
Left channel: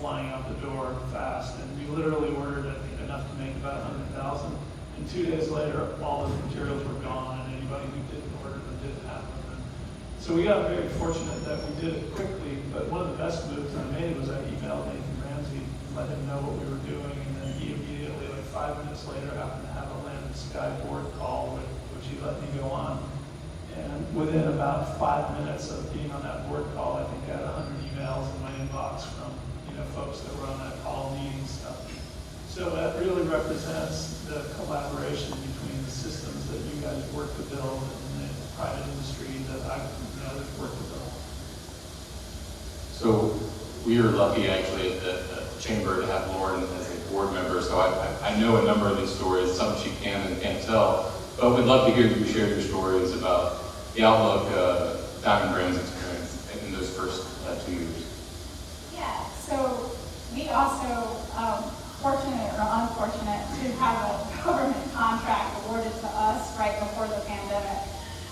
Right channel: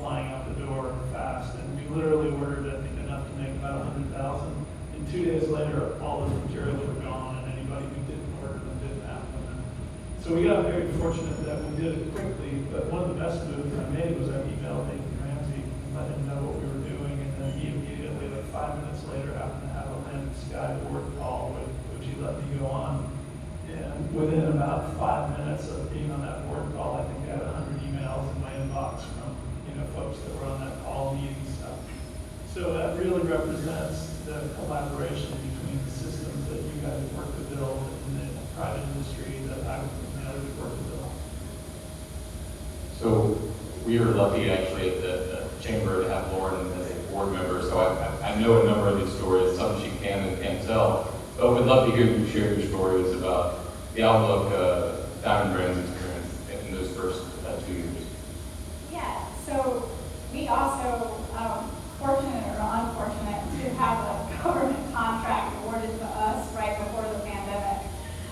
flying out the door fast, and we literally ordered, I think, enough to make about 100,000. And 2 days later, all the materials were gone, and anybody who didn't order them didn't have them. So we got very fortunate that we did it quickly. But one of the best moves I made was I emailed Nathan Ramsey guy board call, would you let me go on? And within about 5 minutes of being on that board call, I think I had 100 emails in my inbox from, folks that were on that call meeting stuff. So that really represents the collaboration between the systems that you guys work to build and the private industry that I've worked to build. So we are lucky actually at the Chamber to have Lauren as a board member, so I know a number of these stories, some she can and can't tell, but we'd love to hear you share your stories about the outlook Diamond Brands experience in those first 2 years. Yeah, so we also, fortunate or unfortunate, to have a government contract awarded to us right before the pandemic.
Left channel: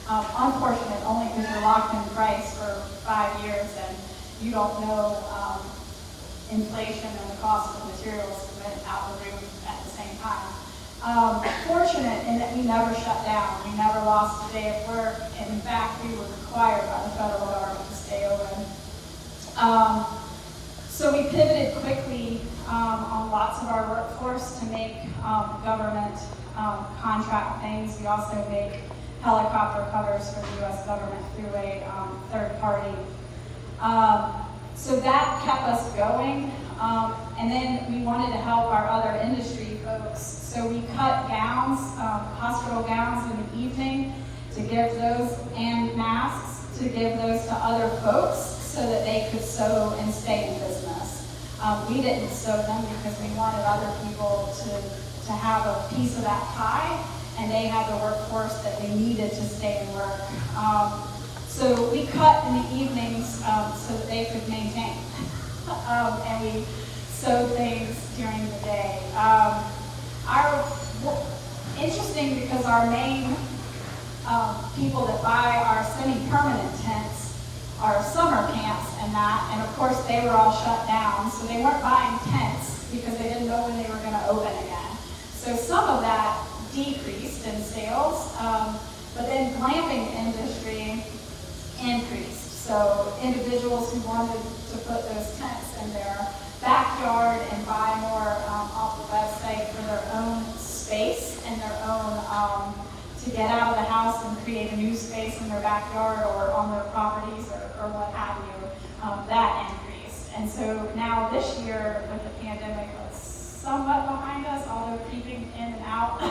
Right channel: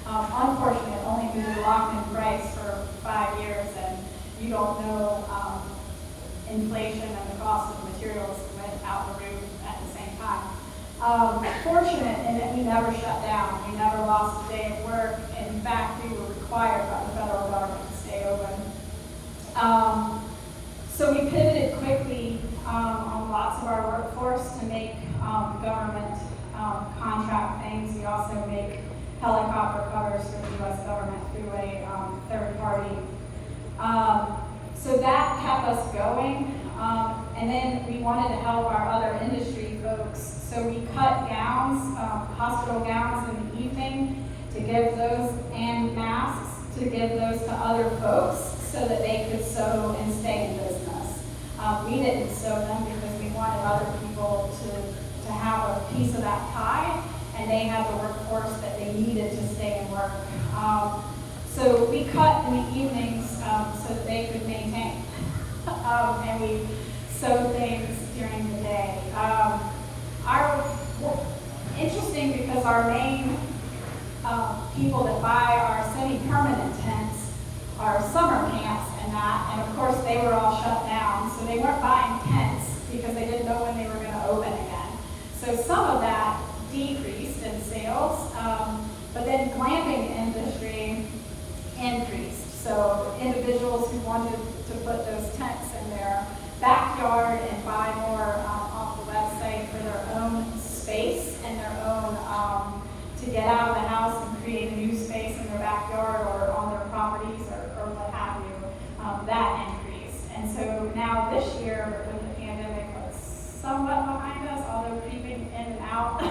Unfortunate only because you're locked in price for 5 years and you don't know inflation and the cost of materials went out the roof at the same time. Fortunate in that we never shut down. We never lost a day of work. In fact, we were required by the federal government to stay open. So we pivoted quickly on lots of our workforce to make government contract things. We also make helicopter covers for the U.S. government through a third party. So that kept us going. And then we wanted to help our other industry folks. So we cut gowns, hospital gowns in the evening to give those, and masks to give those to other folks so that they could sew and stay in business. We didn't sew them because we wanted other people to have a piece of that pie, and they had the workforce that they needed to stay and work. So we cut in the evenings so that they could maintain. And we sewed things during the day. Interesting because our main people that buy our semi-permanent tents are summer camps and that, and of course they were all shut down, so they weren't buying tents because they didn't know when they were going to open again. So some of that decreased in sales, but then glamping industry increased. So individuals who wanted to put those tents in their backyard and buy more off the website for their own space and their own, to get out of the house and create a new space in their backyard or on their properties or what have you, that increased. And so now this year with the pandemic, it's somewhat behind us, although creeping in and out,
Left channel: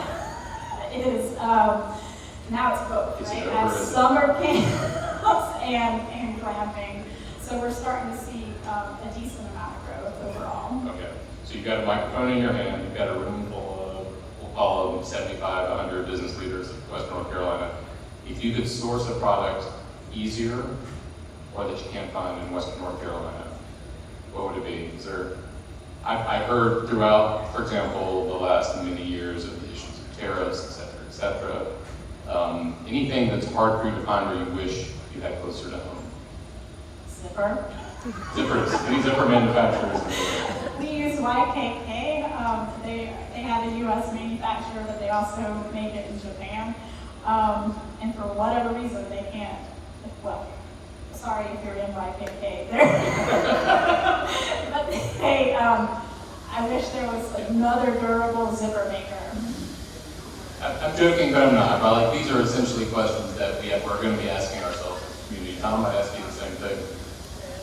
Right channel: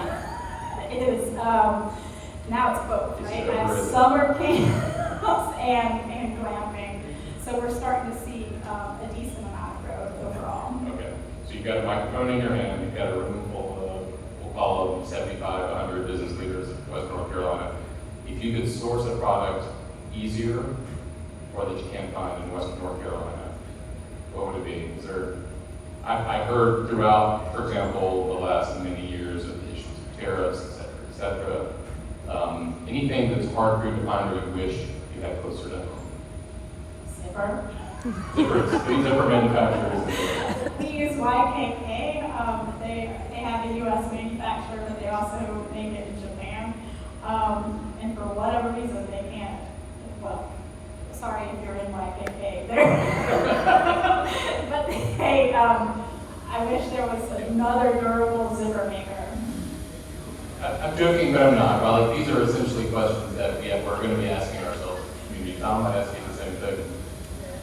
it is, now it's both, right? As summer camps and glamping. So we're starting to see a decent amount of growth overall. Okay, so you've got a microphone in your hand, you've got a room full of, we'll call them 75, 100 business leaders in Western North Carolina. If you could source a product easier or that you can't find in Western North Carolina, what would it be? Is there, I heard throughout, for example, the last many years of the issues of tariffs, et cetera. Anything that's hard for you to find or you wish you had closer to home? Zipper. Zippers, any zipper manufacturers? We use YKK. They have a U.S. manufacturer, but they also make it in Japan. And for whatever reason, they can't. Well, sorry if you're in YKK there. But they, I wish there was another durable zipper maker. I'm joking, but I'm not. Like, these are essentially questions that we're going to be asking ourselves as a community. Tom might ask you the same thing.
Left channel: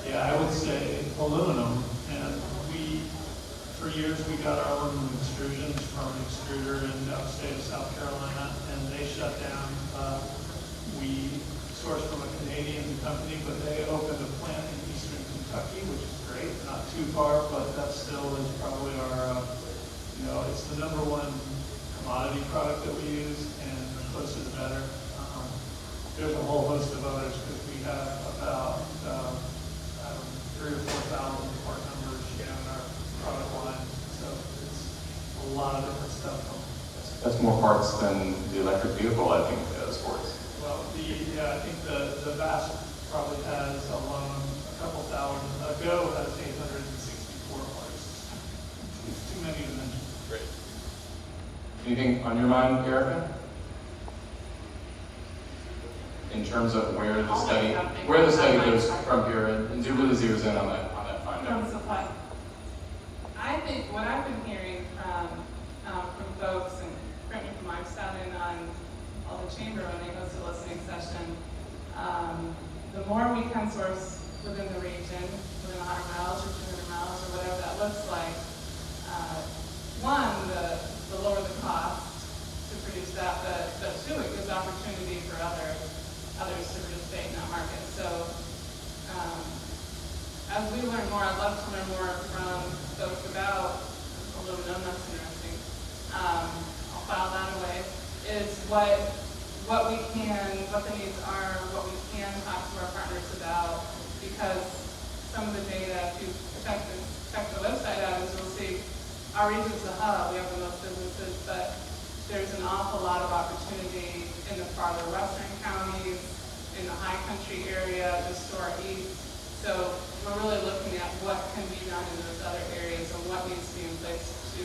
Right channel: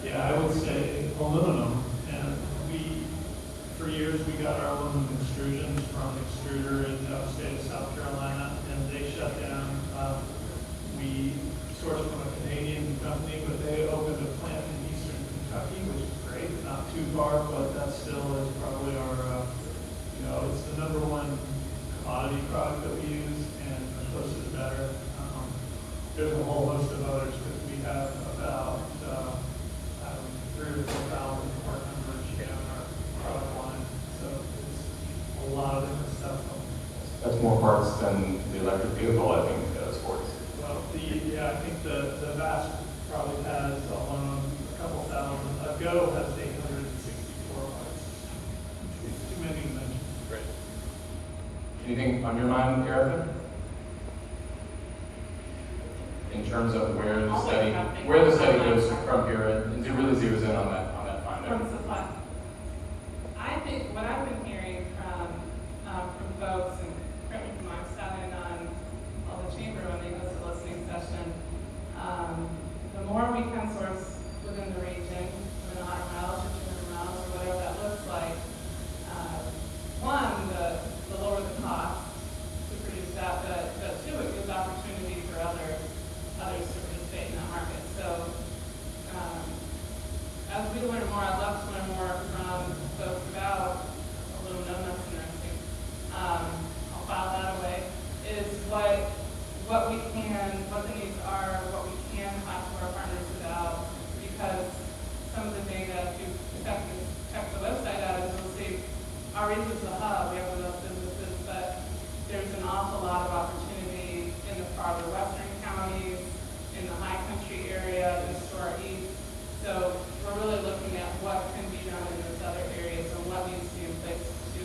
Yeah, I would say aluminum, and for years we got our aluminum extrusions from an extruder in the upstate of South Carolina, and they shut down. We sourced from a Canadian company, but they opened a plant in eastern Kentucky, which is great, not too far, but that still is probably our, it's the #1 commodity product that we use, and the closer the better. There's a whole host of others because we have about 3,000 or 4,000 part numbers in our product line. So it's a lot of different stuff. That's more parts than the electric vehicle, I think, sports. Well, I think the VASP probably has alone a couple thousand. A Go has 864 parts. It's too many to mention. Great. Anything on your mind, Erica? In terms of where the study goes from here, and it really zeroes in on that finding. I think what I've been hearing from folks, and correct me if I'm more we can source within the region, within 100 miles or 200 miles or whatever that looks like, one, the lower the cost to produce that, but two, it gives opportunity for others to participate in that market. So as we learn more, I'd love to learn more from folks about aluminum, that's interesting. I'll file that away, is what the needs are, what we can talk to our partners about, because some of the data, if you check the website out, is you'll see our region's the hub, we have the most businesses, but there's an awful lot of opportunity in the farther western counties, in the high country area, just to our east. So we're really looking at what can be done in those other areas and what needs to be in place to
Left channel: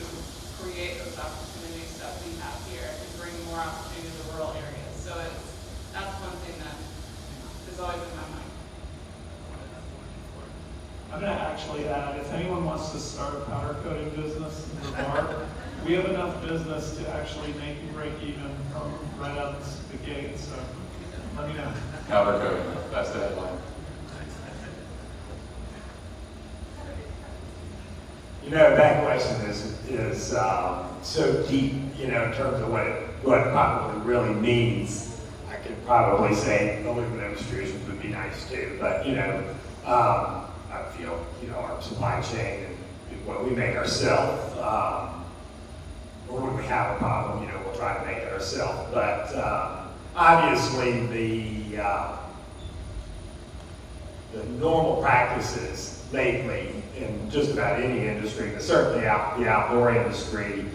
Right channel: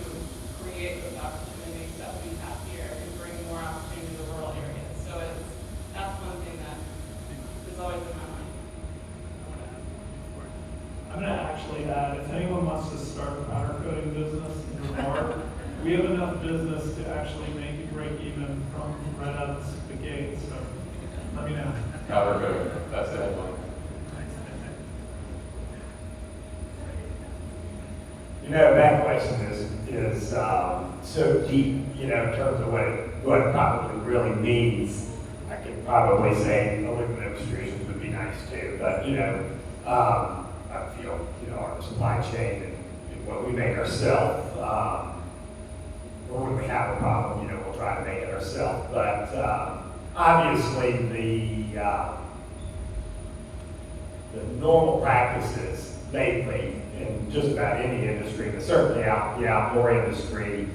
create those opportunities that we have here and bring more opportunity to rural areas. So that's one thing that is always in my mind. I'm going to actually add, if anyone wants to start a powder coating business or more, we have enough business to actually make you break even from right out the gate, so let me know. Powder coating, that's the headline. You know, that question is so deep, you know, in terms of what it probably really means. I could probably say aluminum extrusions would be nice too, but you know, I feel, you know, our supply chain and what we make ourselves, or when we have a problem, you know, we'll try to make it ourselves. But obviously the normal practices lately in just about any industry, but certainly the outdoor industry,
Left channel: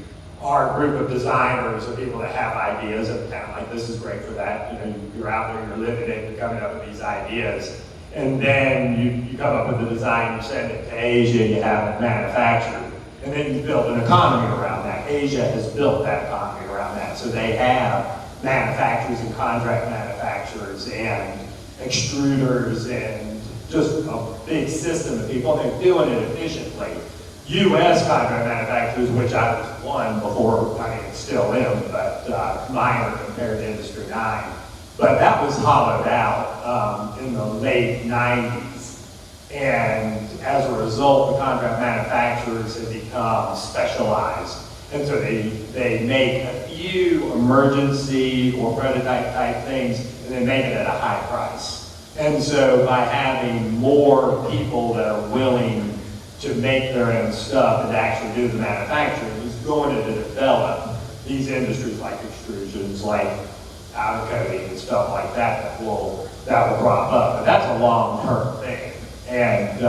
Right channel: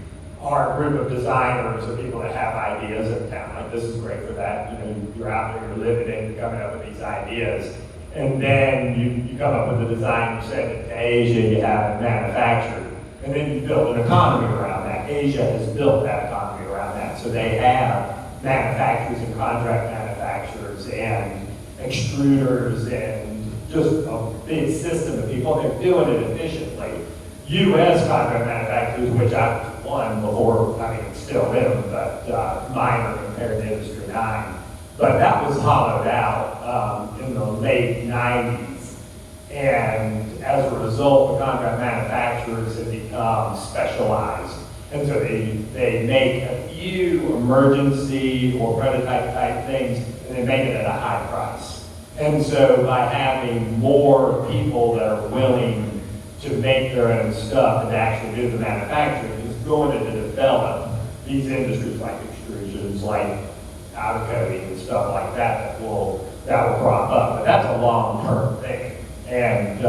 are a group of designers or people that have ideas and kind of like, this is great for that. You know, you're out there, you're living it, you're coming up with these ideas. And then you come up with the design, you send it to Asia, you have it manufactured. And then you build an economy around that. Asia has built that economy around that. So they have manufacturers and contract manufacturers and extruders and just a big system of people. They're doing it efficiently. U.S. contract manufacturers, which I was one before, I mean, it's still them, but minor compared to Industry 9. But that was hollowed out in the late 90s. And as a result, the contract manufacturers have become specialized. And so they make a few emergency or prototype type things, and they make it at a high price. And so by having more people that are willing to make their own stuff and to actually do the manufacturing, is going to develop these industries like extrusions, like powder coating and stuff like that will crop up. But that's a long-term thing. And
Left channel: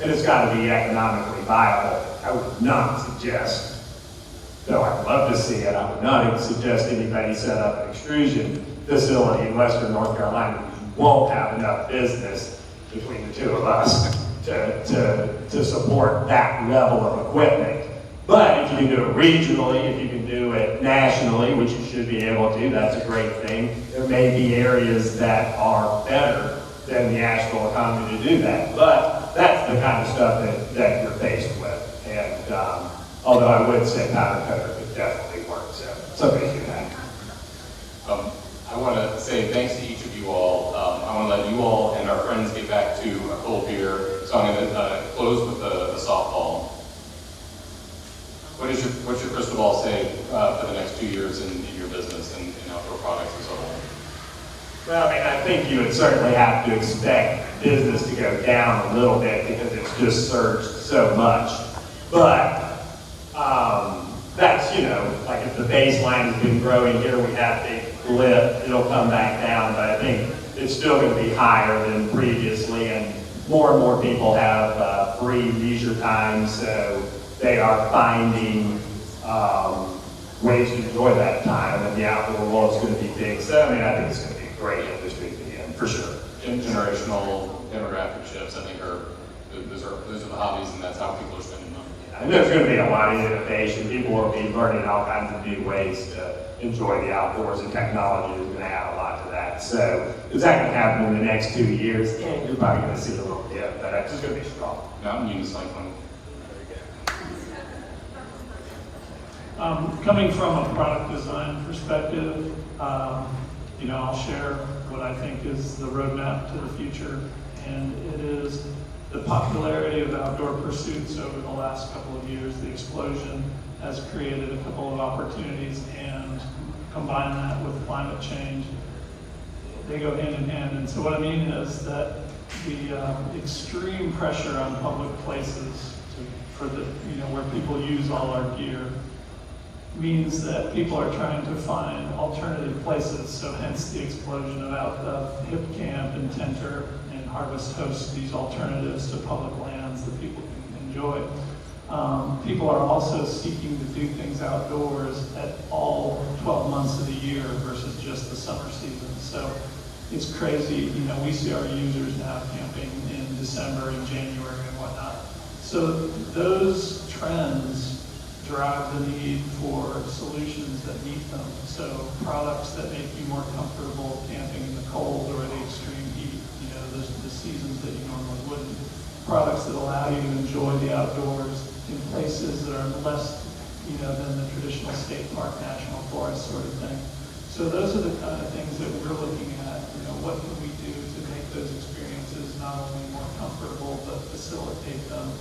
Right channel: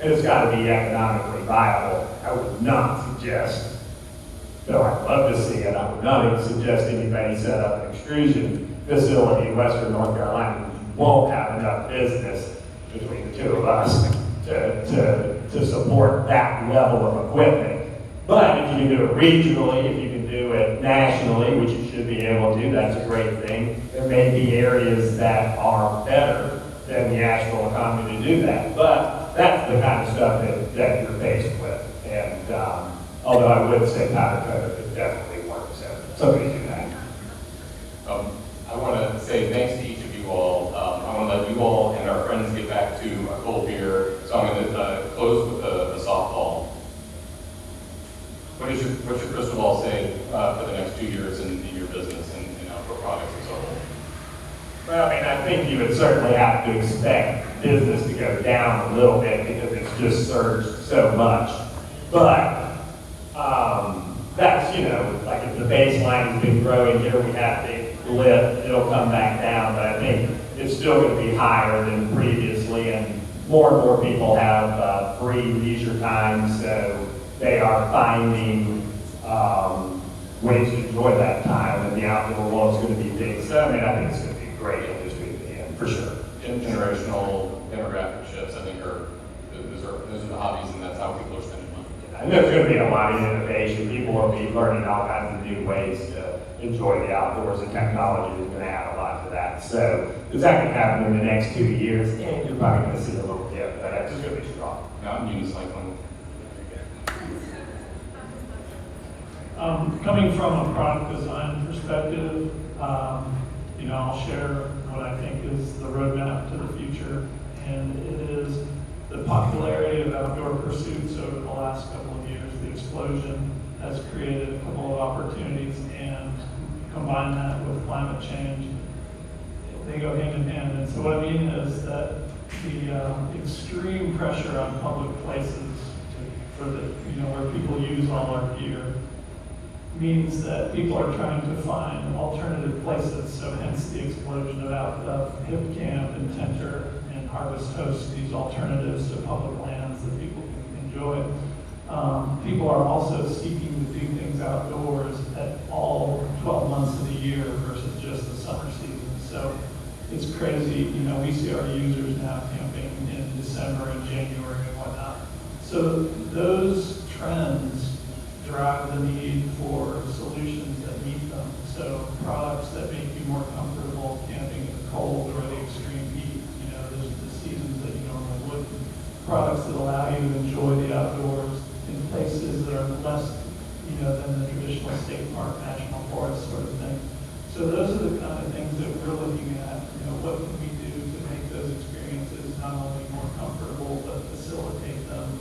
it's got to be economically viable. I would not suggest, though I'd love to see it, I would not suggest anybody set up an extrusion facility in Western North Carolina. You won't have enough business between the two of us to support that level of equipment. But if you can do it regionally, if you can do it nationally, which you should be able to, that's a great thing. There may be areas that are better than the Asheville economy to do that. But that's the kind of stuff that you're faced with. And although I would say powder coater could definitely work, so somebody do that. I want to say thanks to each of you all. I want to let you all and our friends get back to a cold beer. So I'm going to close with the softball. What's your crystal ball say for the next 2 years in your business and outdoor products as a whole? Well, I mean, I think you would certainly have to expect business to go down a little bit because it's just surged so much. But that's, like if the baseline has been growing here, we have a big blip, it'll come back down. But I think it's still going to be higher than previously, and more people have free leisure time, so they are finding ways to enjoy that time, and the outdoor world is going to be big. So, I mean, I think it's going to be a great industry to be in, for sure. Generational demographic shifts, I think, those are the hobbies, and that's how people are spending money. And there's going to be a lot of innovation. People will be learning all kinds of new ways to enjoy the outdoors, and technology is going to add a lot to that. So, is that going to happen in the next 2 years? You're probably going to see a little dip, but it's just going to be strong. Mountain unicycling. Coming from a product design perspective, I'll share what I think is the roadmap to the future, and it is the popularity of outdoor pursuits over the last couple of years. The explosion has created a couple of opportunities, and combine that with climate change, they go hand in hand. And so what I mean is that the extreme pressure on public places for the, where people use all our gear means that people are trying to find alternative places. So hence the explosion of Hip Camp and Tenter and Harvest Host, these alternatives to public lands that people can enjoy. People are also seeking to do things outdoors at all 12 months of the year versus just the summer season. So it's crazy, we see our users now camping in December and January and whatnot. So those trends drive the need for solutions that meet them. So products that make you more comfortable camping in the cold or the extreme heat, the seasons that you normally wouldn't. Products that allow you to enjoy the outdoors in places that are less, than the traditional state park, national forest sort of thing. So those are the kind of things that we're looking at. What can we do to make those experiences not only more comfortable, but facilitate them?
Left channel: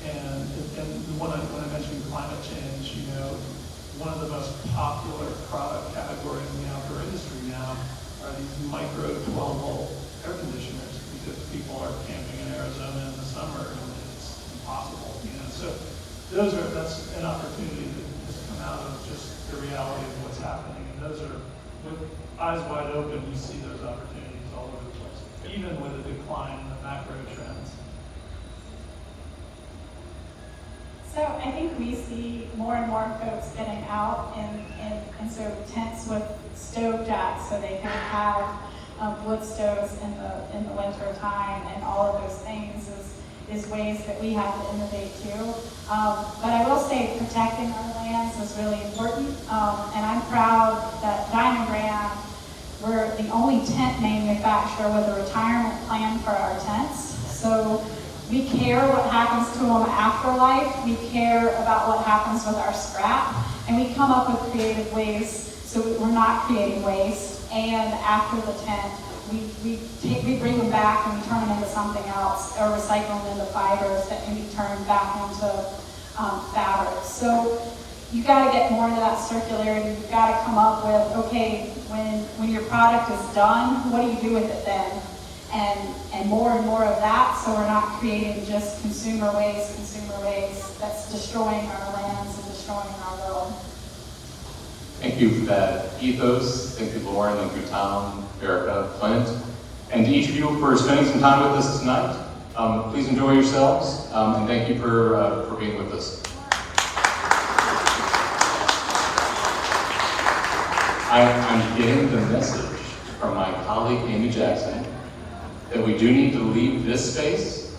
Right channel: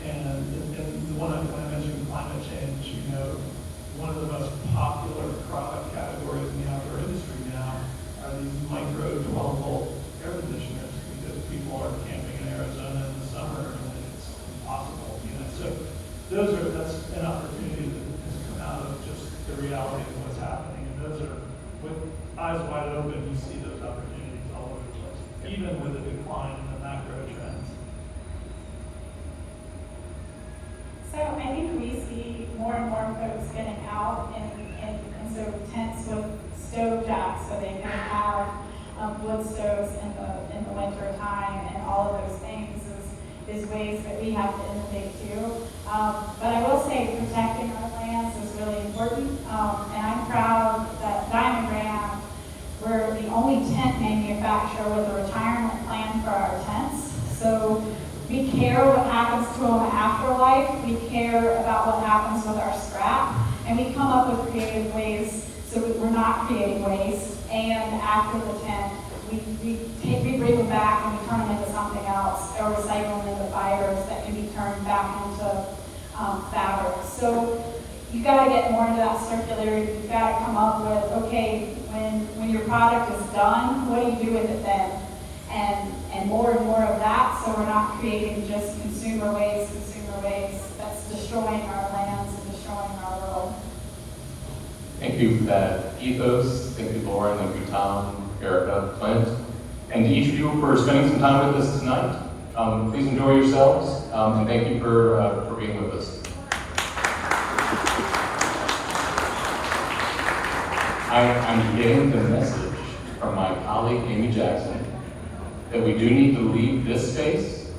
And when I mentioned climate change, one of the most popular product categories in the outdoor industry now are these micro 12-volt air conditioners, because people are camping in Arizona in the summer and it's impossible. So that's an opportunity that has come out of just the reality of what's happening. And those are, with eyes wide open, you see those opportunities all over the place, even with a decline in the macro trends. So I think we see more and more folks getting out and so tents with stove jacks so they can have wood stoves in the winter time, and all of those things is ways that we have to innovate too. But I will say protecting our lands is really important, and I'm proud that Diamond Brand, we're the only tent manufacturer with a retirement plan for our tents. So we care what happens to them after life. We care about what happens with our scrap, and we come up with creative ways so we're not creating waste. And after the tent, we bring them back and we turn them into something else, or recycle them into fibers that can be turned back into fabric. So you got to get more into that circularity. You've got to come up with, okay, when your product is done, what do you do with it then? And more of that, so we're not creating just consumer waste that's destroying our lands and destroying our world. Thank you for that ethos. Thank you, Lauren. Thank you, Tom, Erica, Clint, and to each of you for spending some time with us tonight. Please enjoy yourselves, and thank you for being with us. I'm getting the message from my colleague, Amy Jackson, that we do need to leave this space.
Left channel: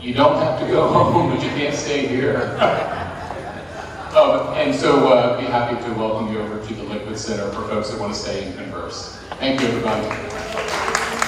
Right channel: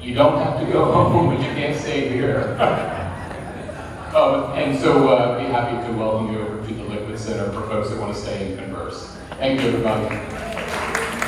You don't have to go home, but you can't stay here. And so be happy to welcome you over to the Liquid Center for folks that want to stay and converse. Thank you, everybody.